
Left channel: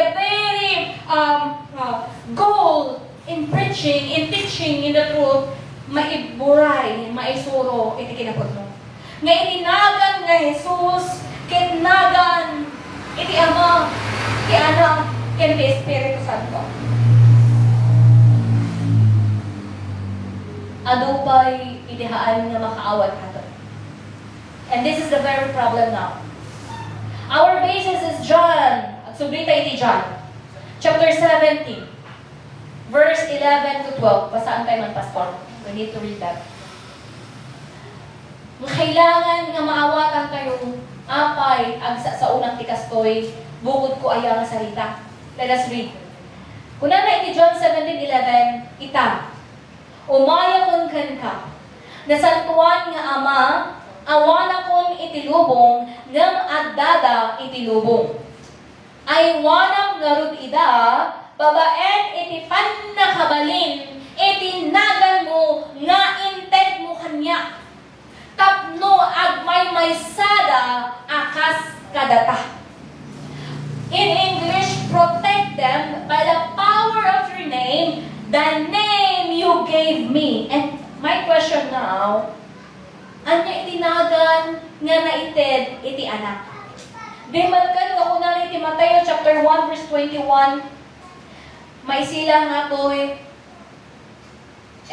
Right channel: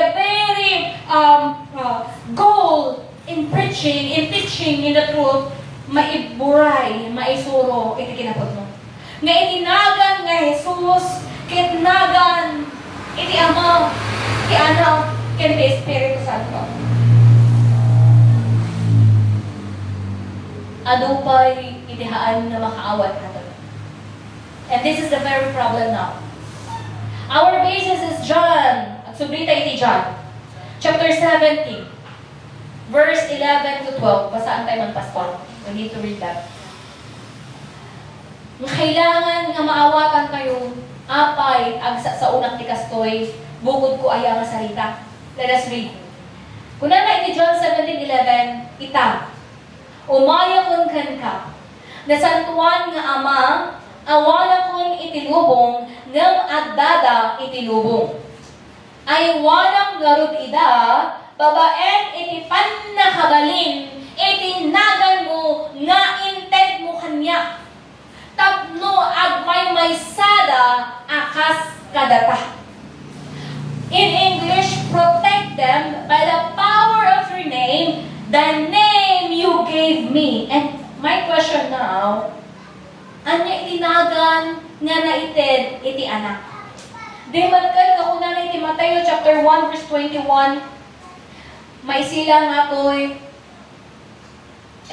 goal in preaching, in teaching in the truth, maiburay, maisuro, iti kinapod mo. Nga itinagan nga Jesus, kitnagan, iti Ama, iti Anak, iti Espiritu Santo. Adupay, itihaan na makaawat natin. And this is the very problem now. Our basis is John, at subrita iti John, chapter 17, verse 11 to 12. Basaan tayo mag-pastor? We need to read that. Kailangan nga maawatan kayo, apay, agsa sa unang tikas ko'y, bukod ko ayaw nga salita. Let us read. Kuna na iti John 17:11, ita, umaya kun kan ka, nasantuan nga Ama, awana kun itilubong, ngam addada itilubong. Ay wanang garud ida, babaen iti pannakabalin, iti nagan mo, nga inted mo kanya. Tapno agmay maysada, akas kadata. In English, protect them by the power of your name, the name you gave me. And my question now, anya itinagan nga naited iti anak? Di magkan nga una iti Mateo chapter 1 verse 21, may sila nga to'y,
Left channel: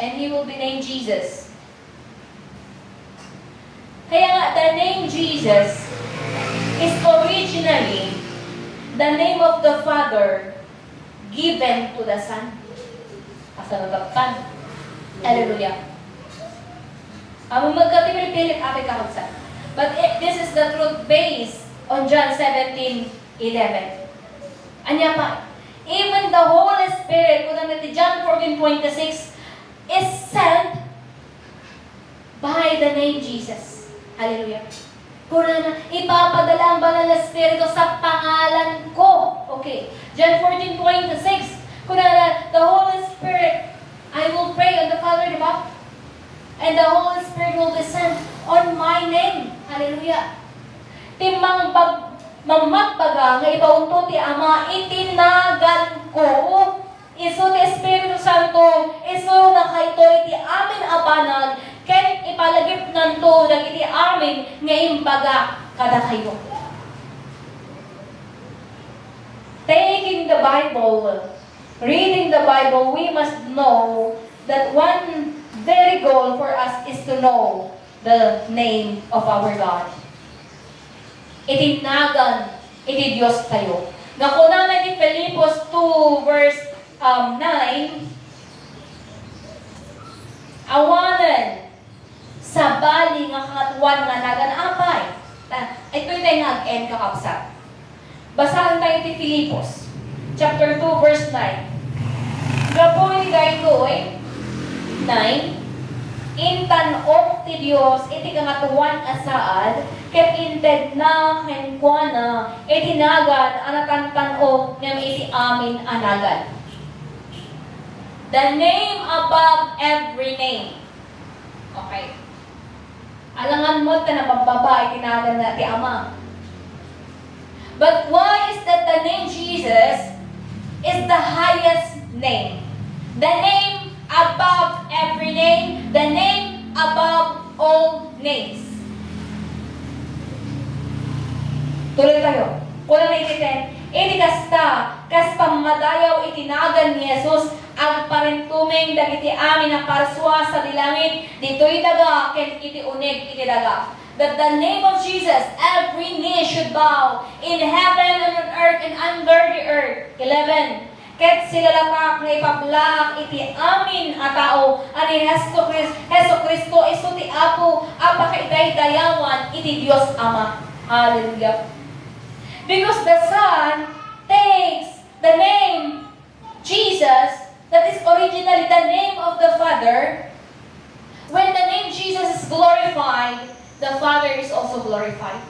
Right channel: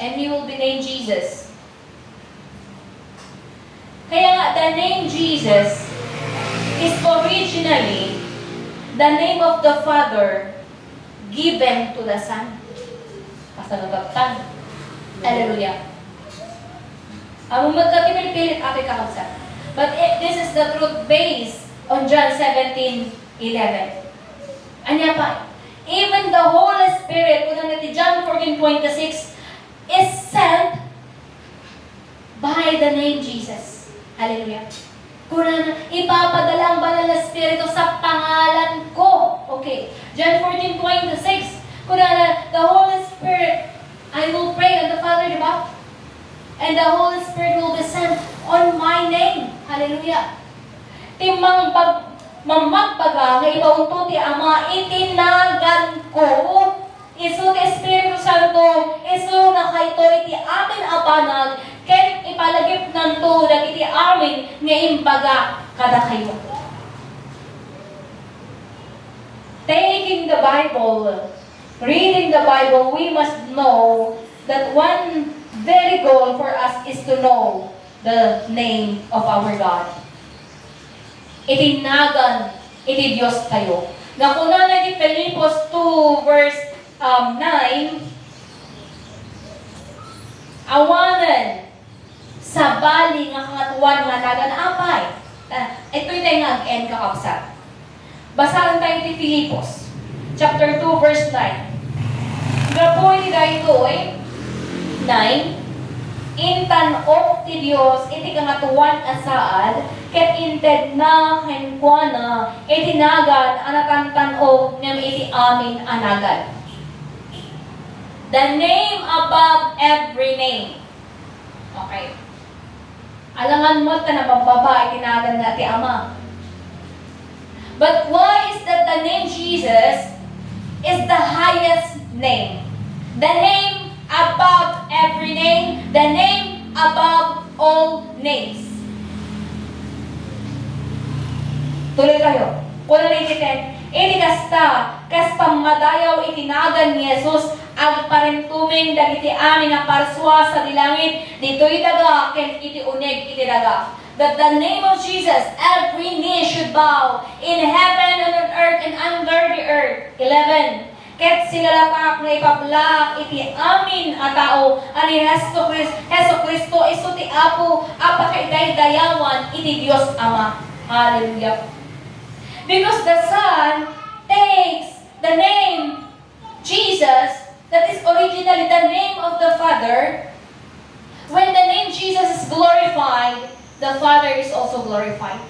and he will be named Jesus. Kaya nga, the name Jesus is originally the name of the Father given to the Son. Pasalubagtan. Hallelujah. Ang magkapinipilit ako'y kakabsa. But this is the truth based on John 17:11. Anya pa, even the Holy Spirit, kung natin John 14:26, is sent by the name Jesus. Hallelujah. Kung na, ipapadala ang banal na Espiritu sa pangalan ko. Okay. John 14:26. Kung na, the Holy Spirit, I will pray on the Father, di ba? And the Holy Spirit will descend on my name. Hallelujah. Timang mamagbaga nga ibaunto ti Ama, itinagan ko. Isu ti Espiritu Santo, isu na kayto iti amin abanag, ken ipalagip nanto dagiti amin nga imbaga kada kayo. Taking the Bible, reading the Bible, we must know that one very goal for us is to know the name of our God. Itinagan, iti Diyos tayo. Nakuna na iti Filipos 2 verse 9, awanan sa bali nga kangatuan nga nagan apay. Ito'y tayo nga-end kakapsat. Basahan tayo iti Filipos chapter 2 verse 9. Gapoy daytoy 9, intanok ti Dios iti kangatuan asaad ket inted na kenkwana itinagan anatantanog ngem iti amin anagan. The name above every name. Okay. Alangan mo ta na pagbaba, itinagan na ti Ama. But why is that the name Jesus is the highest name? The name above every name, the name above all names. Tuloy kayo. Kulang na ititin. Ini kasta, kas pamadayaw itinagan ni Jesus, ang parintuming dagiti amin ang parswa sa dilangit, dito'y daga, ken iti unig iti daga. That the name of Jesus, every knee should bow, in heaven and on earth and under the earth. 11. Ket sigalatak na ipablak iti amin a tao, ani Heso Kristo iso ti Apo, apakaitay dayawan iti Dios Ama. Hallelujah. Because the Son takes the name Jesus, that is originally the name of the Father. When the name Jesus is glorified, the Father is also glorified.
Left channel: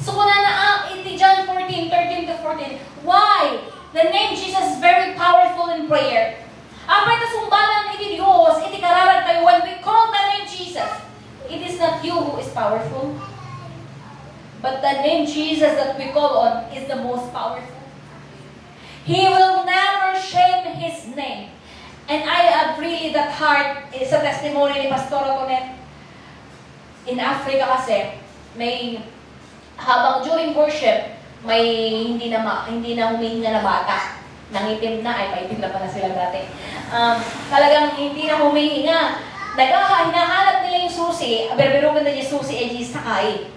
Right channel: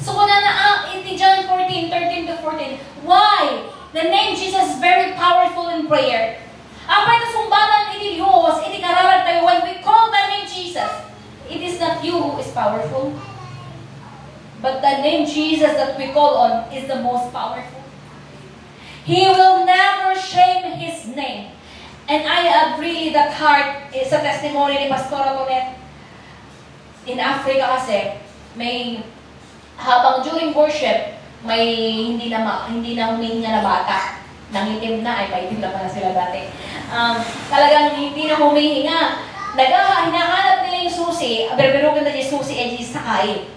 So kung na iti John 14:13 to 14, why? The name Jesus is very powerful in prayer. Apay na sumbatan iti Diyos, iti kararag tayo, when we call the name Jesus, it is not you who is powerful, but the name Jesus that we call on is the most powerful. He will never shame His name. And I have really that heart sa testimony ni Pastor Tonet. In Africa kasi, may habang during worship, may hindi na huminga na bata. Nangitim na, ay paitim na pala sila dati. Talagang hindi na humihinga. Hinahanap nila yung susi, berberugan na yung susi ay sakay.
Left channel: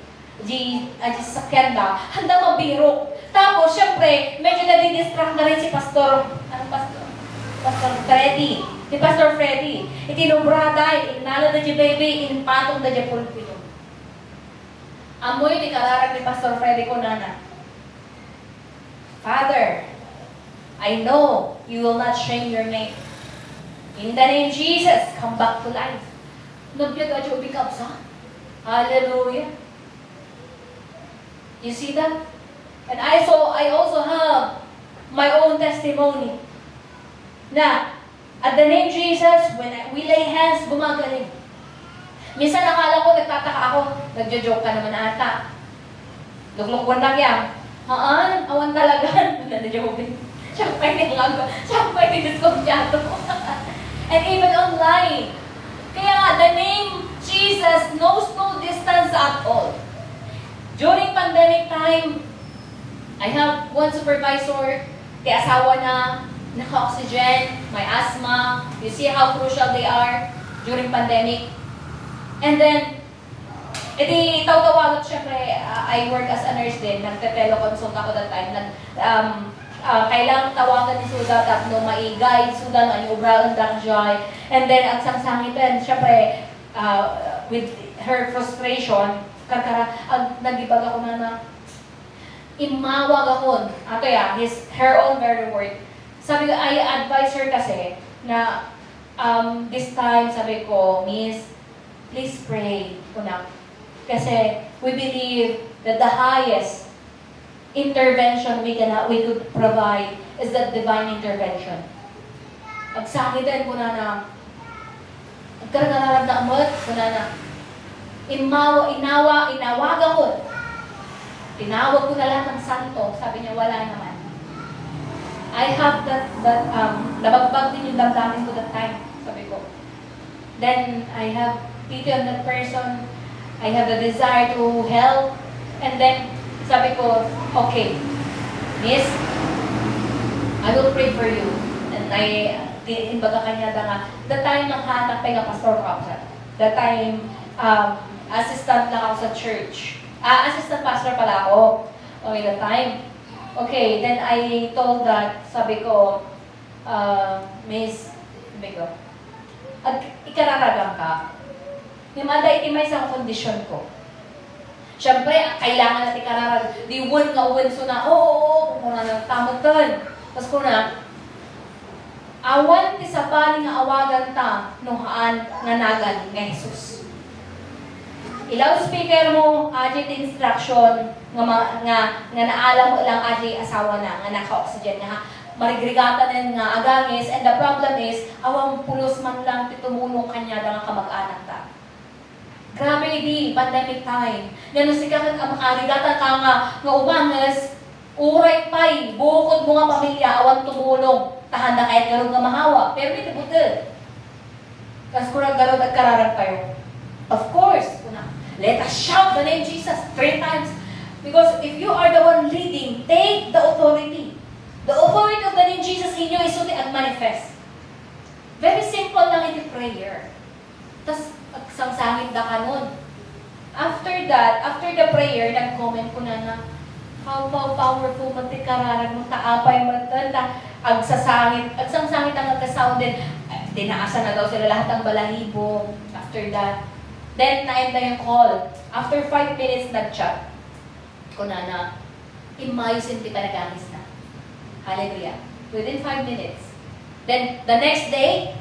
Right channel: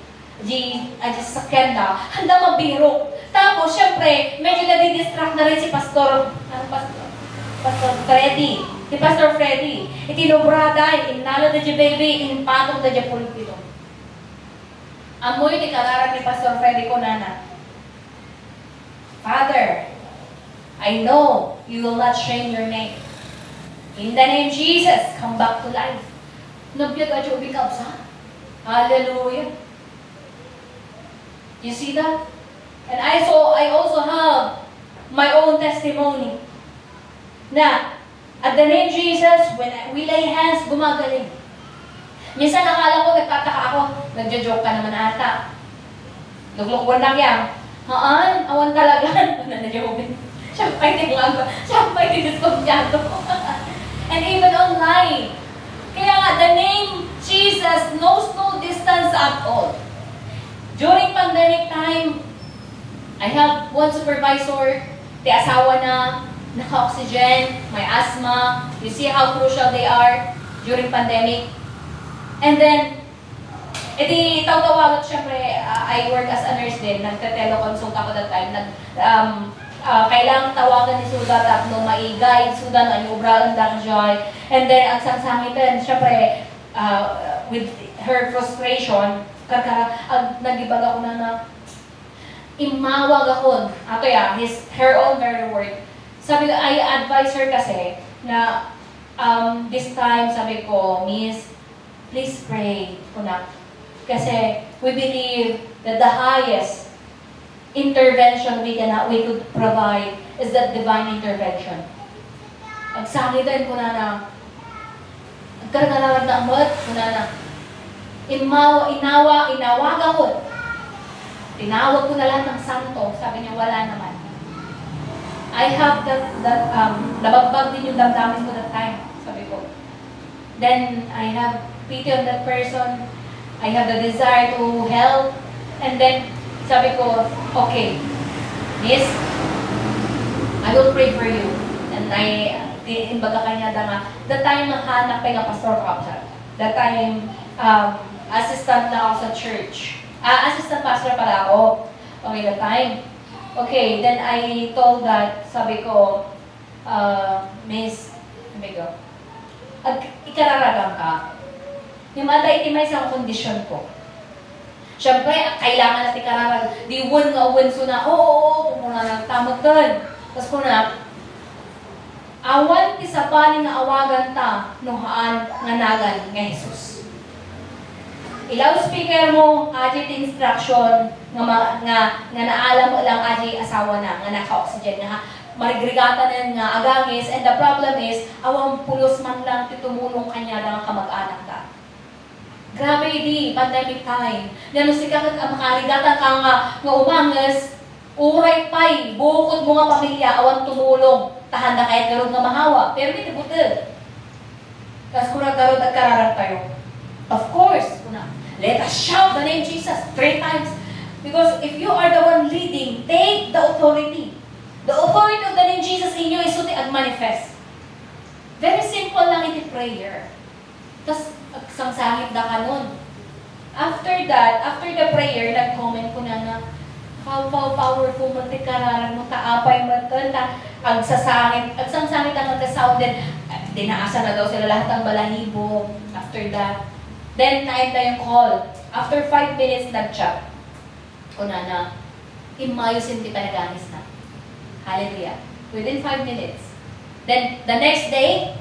Sakyan na, handa mabiro. Tapos, syempre, medyo nadidistract na rin si Pastor Freddy. Si Pastor Freddy. Itinubrada, inala na di baby, inpatong na di pulpito. Amoy ni kararag ni Pastor Freddy ko nana. Father, I know you will not shame your name. In the name of Jesus, come back to life. Nagyag at yung bikabsa. Hallelujah. You see that? And I also have my own testimony. Na, at the name Jesus, when we lay hands, bumagaling. Minsan nakala ko, nagtataka ako, nagjo-joke ka naman ata. Luglukwan lang yan. Haan, awan talaga. Nanadjobin. Siyempre din lang ba? Siyempre din diskonsyado. And even online. Kaya nga, the name Jesus knows no distance at all. During pandemic time, I have one supervisor, the asawa na, naka-oxygen, may asthma. You see how crucial they are during pandemic. And then, iti tawag syempre, I work as a nurse din, nagte-teleconsult ako that time. Kailangan tawagan ni Suda at no maigay, Suda no anyubrang dang joy. And then, ang sangsangitan, syempre, with her frustration, nagibag ako na imawag ako. Ato ya, her own very word. Sabi ko, I advise her kasi na this time, sabi ko, Miss, please pray ko na. Kasi we believe that the highest intervention we could provide is that divine intervention. Agsakitan ko na nagkaroon na amot ko na inawag ako. Tinawag ko na lang ng santo. Sabi niya, wala naman. I have that nabagbag din yung damdamin ko that time. Sabi ko. Then, I have pity on that person. I have the desire to help. And then, sabi ko, okay, Miss, I will pray for you. And imbaga kanya nga, that time nanghanap pa nga pastor ako siya. That time, assistant na ako sa church. Assistant pastor pala ako. Okay, that time. Okay, then I told that, sabi ko, Miss, sabi ko, ikararagang ka. Himada itimay sa kondisyon ko. Siyempre, kailangan natin kararag. Di uwan nga uwan so na, kung muna nagtamot kan. Tapos ko na, awan ti sa paling nga awagan ta, nuhaan nga nagan nga Jesus. Ilaw speaker mo, aji instruction, nga naalam mo lang aji asawa na, nga naka-oxygen nga, marigrigatan nga agangis, and the problem is, awang pulos man lang titumulong kanya nga kamag-anak ta. Grabe di, pandemic time. Yan sika makarigatan ka nga umangas, uray pay, bukod mo nga pamilya, awan tumulong. Tahan na kahit garong nga mahawa. Pero hindi buti. Kasi kung naggarod at kararag kayo. Of course, let us shout the name Jesus 3 times. Because if you are the one leading, take the authority. The authority of the name Jesus in you is suti at manifest. Very simple lang iti prayer. Tapos, sangsangit na ka nun. After that, after the prayer, nag-comment ko na powerful mo, tikararan mo, taapay mo, agsasangit ang nagkasound din. Dinaasa na daw sila lahat ng balahibo. After that, then na-end na yung call. After 5 minutes, nag-chat. Kunana, imayusin kita nagamis na. Hallelujah. Within 5 minutes. Then, the next day,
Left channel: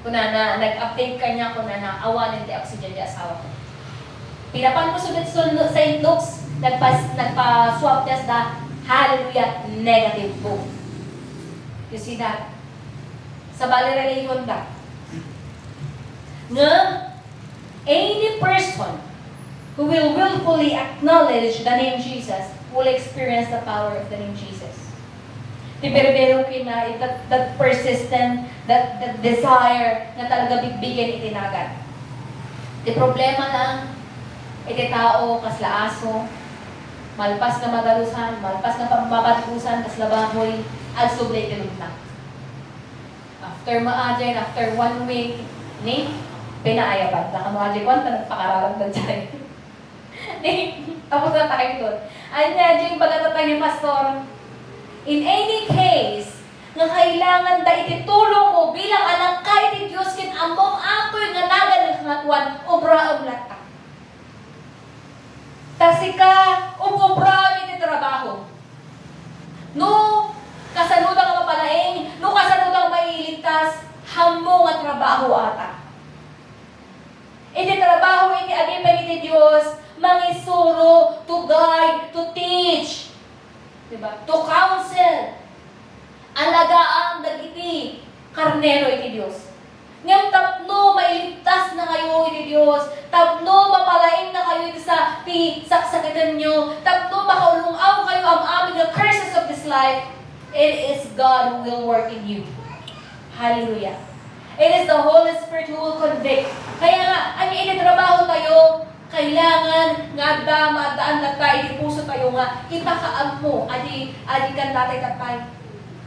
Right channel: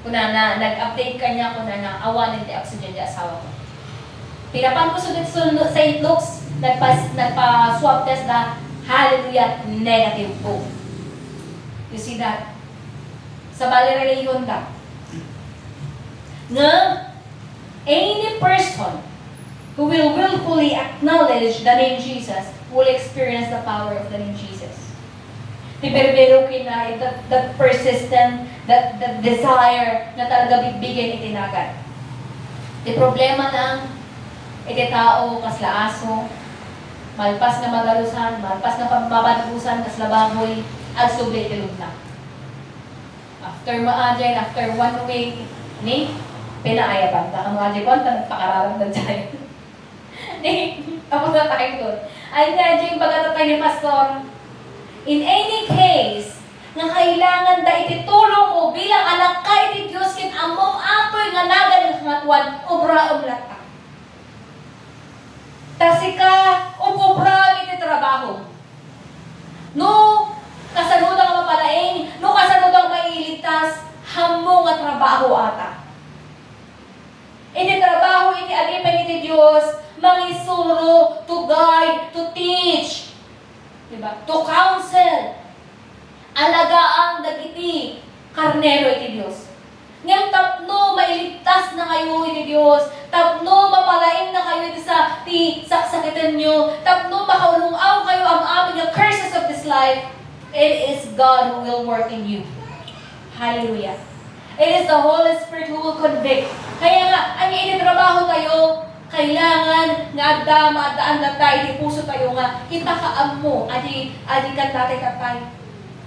kunana, nag-update ka niya, kunana, awanin di oxygen di asawa ko. Pinapan ko sunod sa St. Luke's, nagpa-swab test na, hallelujah, negative both. You see that? Sa Baleraleyon da. Nga, any person who will willfully acknowledge the name Jesus will experience the power of the name Jesus. Tiberbero kina, that persistent, that desire na talaga bigbigan itinagan. Di problema lang, iti tao, kasla aso, malpas na magalusan, malpas na pamabatusan, kasla baboy, at sublay tilog na. After maajen, after 1 week, ni, pinaayaban. Baka maajen ko, nagpakararam na dyan. Ni, tapos na tayo doon. Ay, ngayon, baga tayo ni Pastor, in any case, nga kailangan da ititulong mo bilang anak ka iti Diyos kin among apoy nga nagan ng kangatuan, obra oblata. Tasika, obra iti trabaho. No, kasanudang mapalaing, no kasanudang mailigtas, hamong nga trabaho ata. Iti trabaho iti agipay iti Diyos, mangisuro, to guide, to teach, diba? To counsel, alagaan dagiti karnero iti Diyos. Ngayon tapno mailigtas na kayo iti Diyos, tapno mapalaing na kayo iti sa saksakitan nyo, tapno makaulungaw kayo ang aming curses of this life. It is God who will work in you. Hallelujah. It is the Holy Spirit who will convict. Kaya nga, ang initrabaho tayo, kailangan nga adaan na tayo, di puso tayo nga, hitakaam mo, adi kan tatay,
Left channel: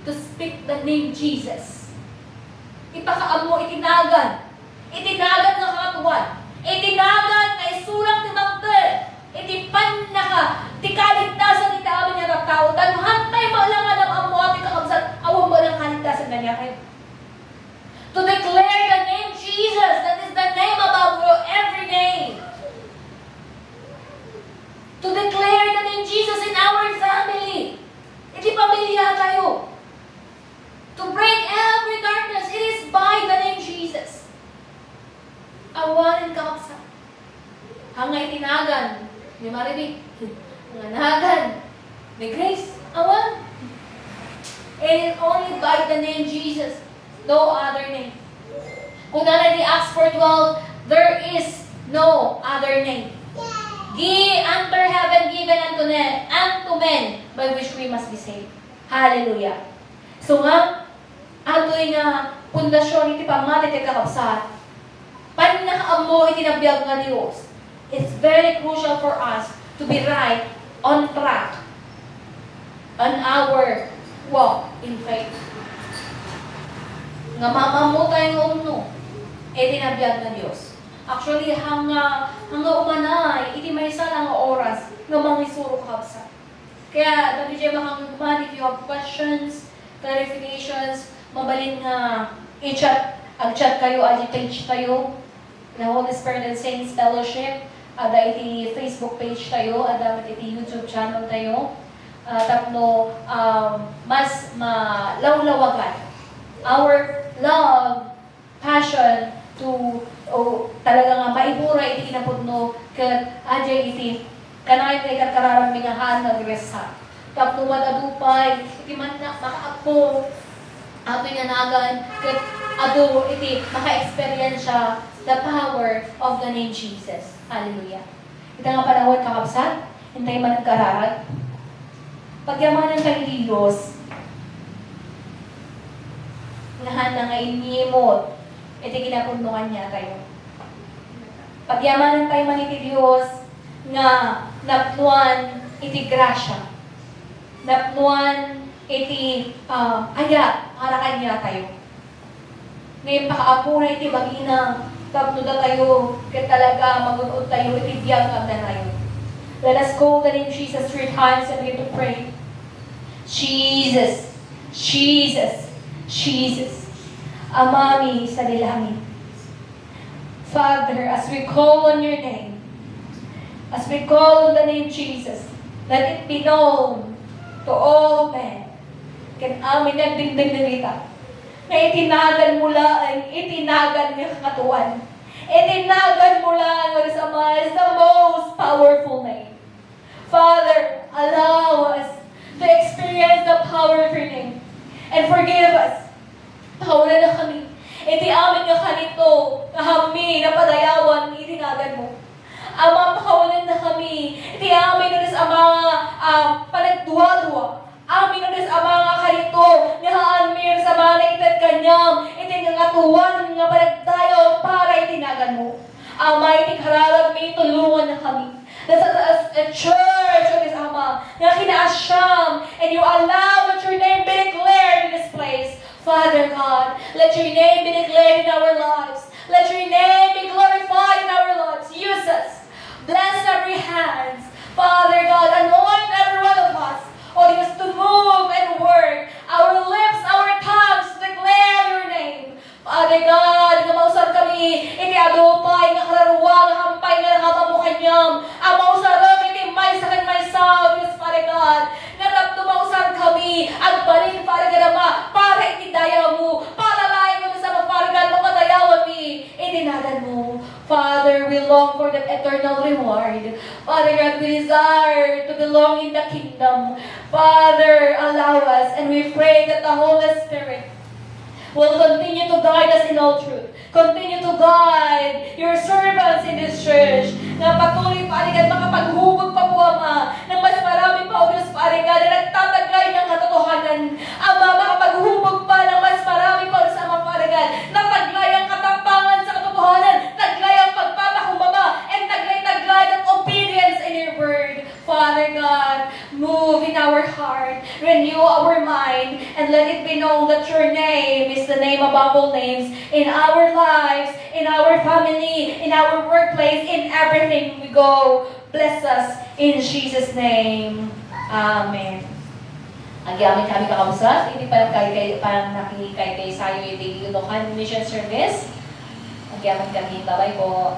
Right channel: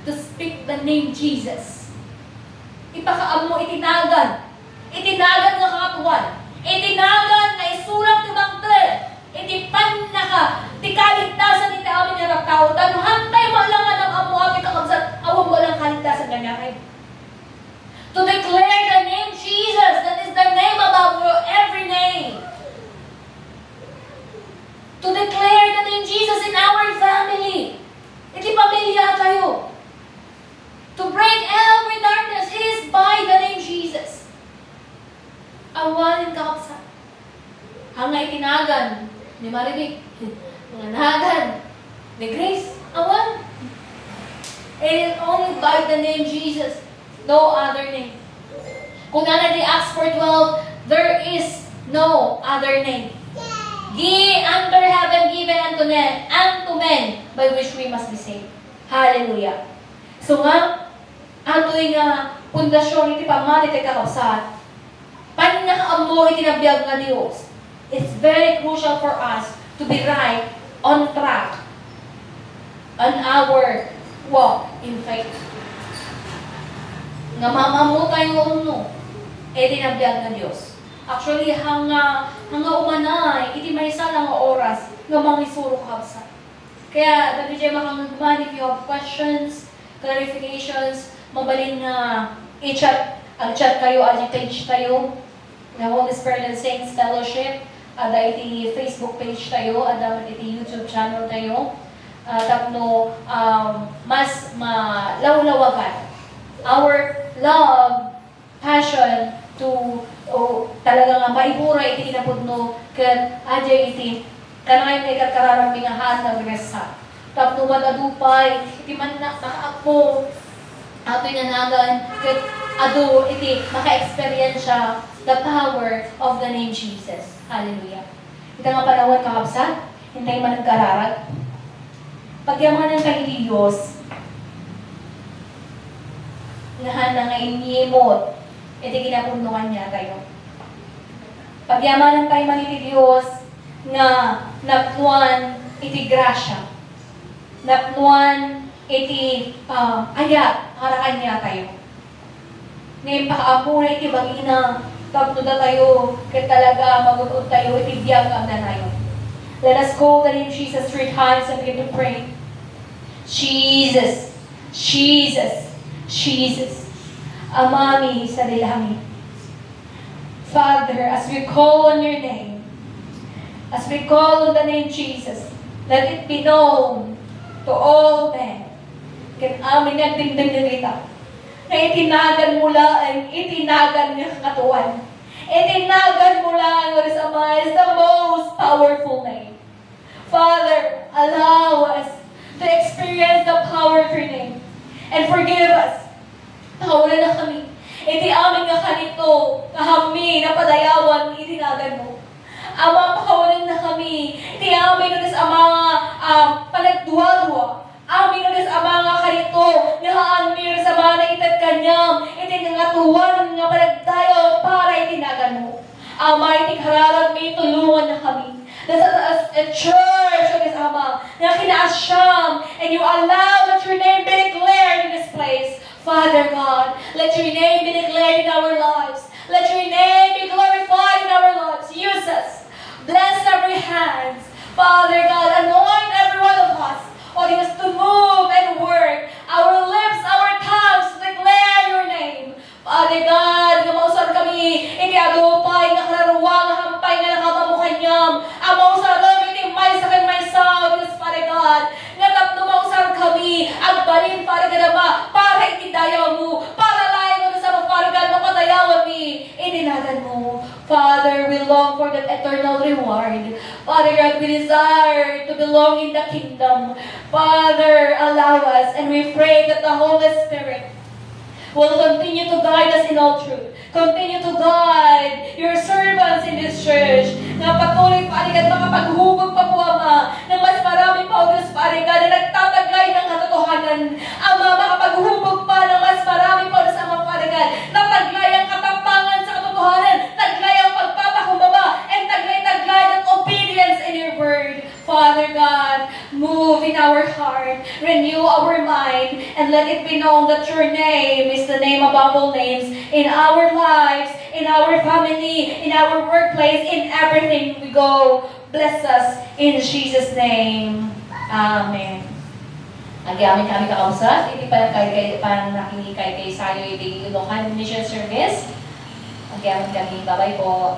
to speak the name Jesus. Ipakaam mo, itinagan nga kakatuan, itinagan na isulang timang tel, itipan na ka, tikaligtasan iti amin nga tao, tanhantay mo lang ang amo amin kakabsat, awang mo lang kaligtasan nga kayo. To declare the name Jesus, that is the name above every name. To declare the name Jesus in our family. Iti pamilya tayo. To break every darkness, it is by the name Jesus. Awanin ka sa hangay tinagan ni Marinik, hanganagan ni Grace, awan. It is only by the name Jesus, no other name. Kung nalagay Acts 4:12, there is no other name. Under heaven given unto men by which we must be saved. Hallelujah. So nga, ato'y nga pundasyon iti pamalit ay kakabsat. Panakaam mo itinabiyag nga Diyos. It's very crucial for us to be right, on track, on our walk in faith. Nga mamamu tayo no, itinabiyag nga Diyos. Actually, hanga umanay, iti may isa lang oras nga mangisuro kabsa. Kaya, dami dyan makangagman, if you have questions, clarifications, mabalin nga i-chat, ag-chat kayo, ag-page tayo, na Holy Spirit and Saints Fellowship, ada iti Facebook page tayo, ada iti YouTube channel tayo, tapno, mas malawlawagan. Our love, passion, to talaga nga maibura iti inapudno ken adya iti kanay kay kararamingahan ng gresa tapno madadupay iti man na nakaapo atoy nanagan ket ado iti maka-experience siya the power of the name Jesus. Hallelujah. Ito nga panahon kakabsat, hintay man nagkararag. Pagyamanan tayo ni Diyos, nahan nga inimot, iti ginapundungan niya tayo. Pagyamanan tayo man iti Diyos, nga napuan iti grasya, napuan iti ayat, harakan niya tayo. Ngayon pakaapo na iti bagina, tapno na tayo, kaya talaga magunod tayo, iti biyag ang na tayo. Let us call the name Jesus 3 times and begin to pray. Jesus, Jesus, Jesus, Amami sa dilangit. Father, as we call on your name, as we call on the name Jesus, let it be known to all men. Kan amin nagdingding nilita, na itinagan mula ang itinagan niya katuan. Itinagan mula ang Oris Ama is the most powerful name. Father, allow us to experience the power of your name. And forgive us. Tawanan na kami. Iti amin nga kanito, kahami, napadayawan, itinagan mo. Ama, pakawalan na kami. Iti amin nun sa mga panagduwa-duwa. Amin nun sa mga kanito, ngahaan mir sa mga naitad kanyang, iti ngatuwan nga panagdayo para itinagan mo. Ama, iti karalag may tulungan na kami. As a church, O Diyos Ama, na kinaasyam, and you allow that your name be declared in this place. Father God, let your name be declared in our lives. Let your name be glorified in our lives. Use us. Bless every hand. Father God, anoint every one of us. O Diyos, to move and work. Our lips, our tongues, to declare your name. Father God, gamausan kami, iti adupay, nga kararuwang, hampay, nga nakamamukhay niyam. Amaw sa rom, iti may sa may sao, Diyos, Father God. Nga tatnumausan kami, agbalin, Father God, Ama, para itidayaw mo, para layo mo sa mga, Father God, mapadayawan mi, itinagan mo. Father, we long for that eternal reward. Father God, we desire to belong in the kingdom. Father, allow us, and we pray that the Holy Spirit will continue to guide us in all truth. Continue to guide your servants in this church. Na patuloy, Parigan, makapaghubog pa po, Ama, ng mas marami pa, O Diyos, Parigan, na nagtatagay ng katotohanan. Ama, makapaghubog pa ng mas marami pa, O Diyos, Ama, Parigan, na taglay ang katapangan sa katotohanan, taglay ang pagpapakumbaba, and taglay ang obedience in your word. Father God, move in our heart, renew our mind, and let it be known that your name is the name above all names in our lives, in our family, in our workplace, in everything we go. Bless us in Jesus' name. Amen. Agyamit kami kakabsat, hindi parang nakinikay kay sayo, iti Ilochan Mission Service. Agyamit kami, bye-bye po.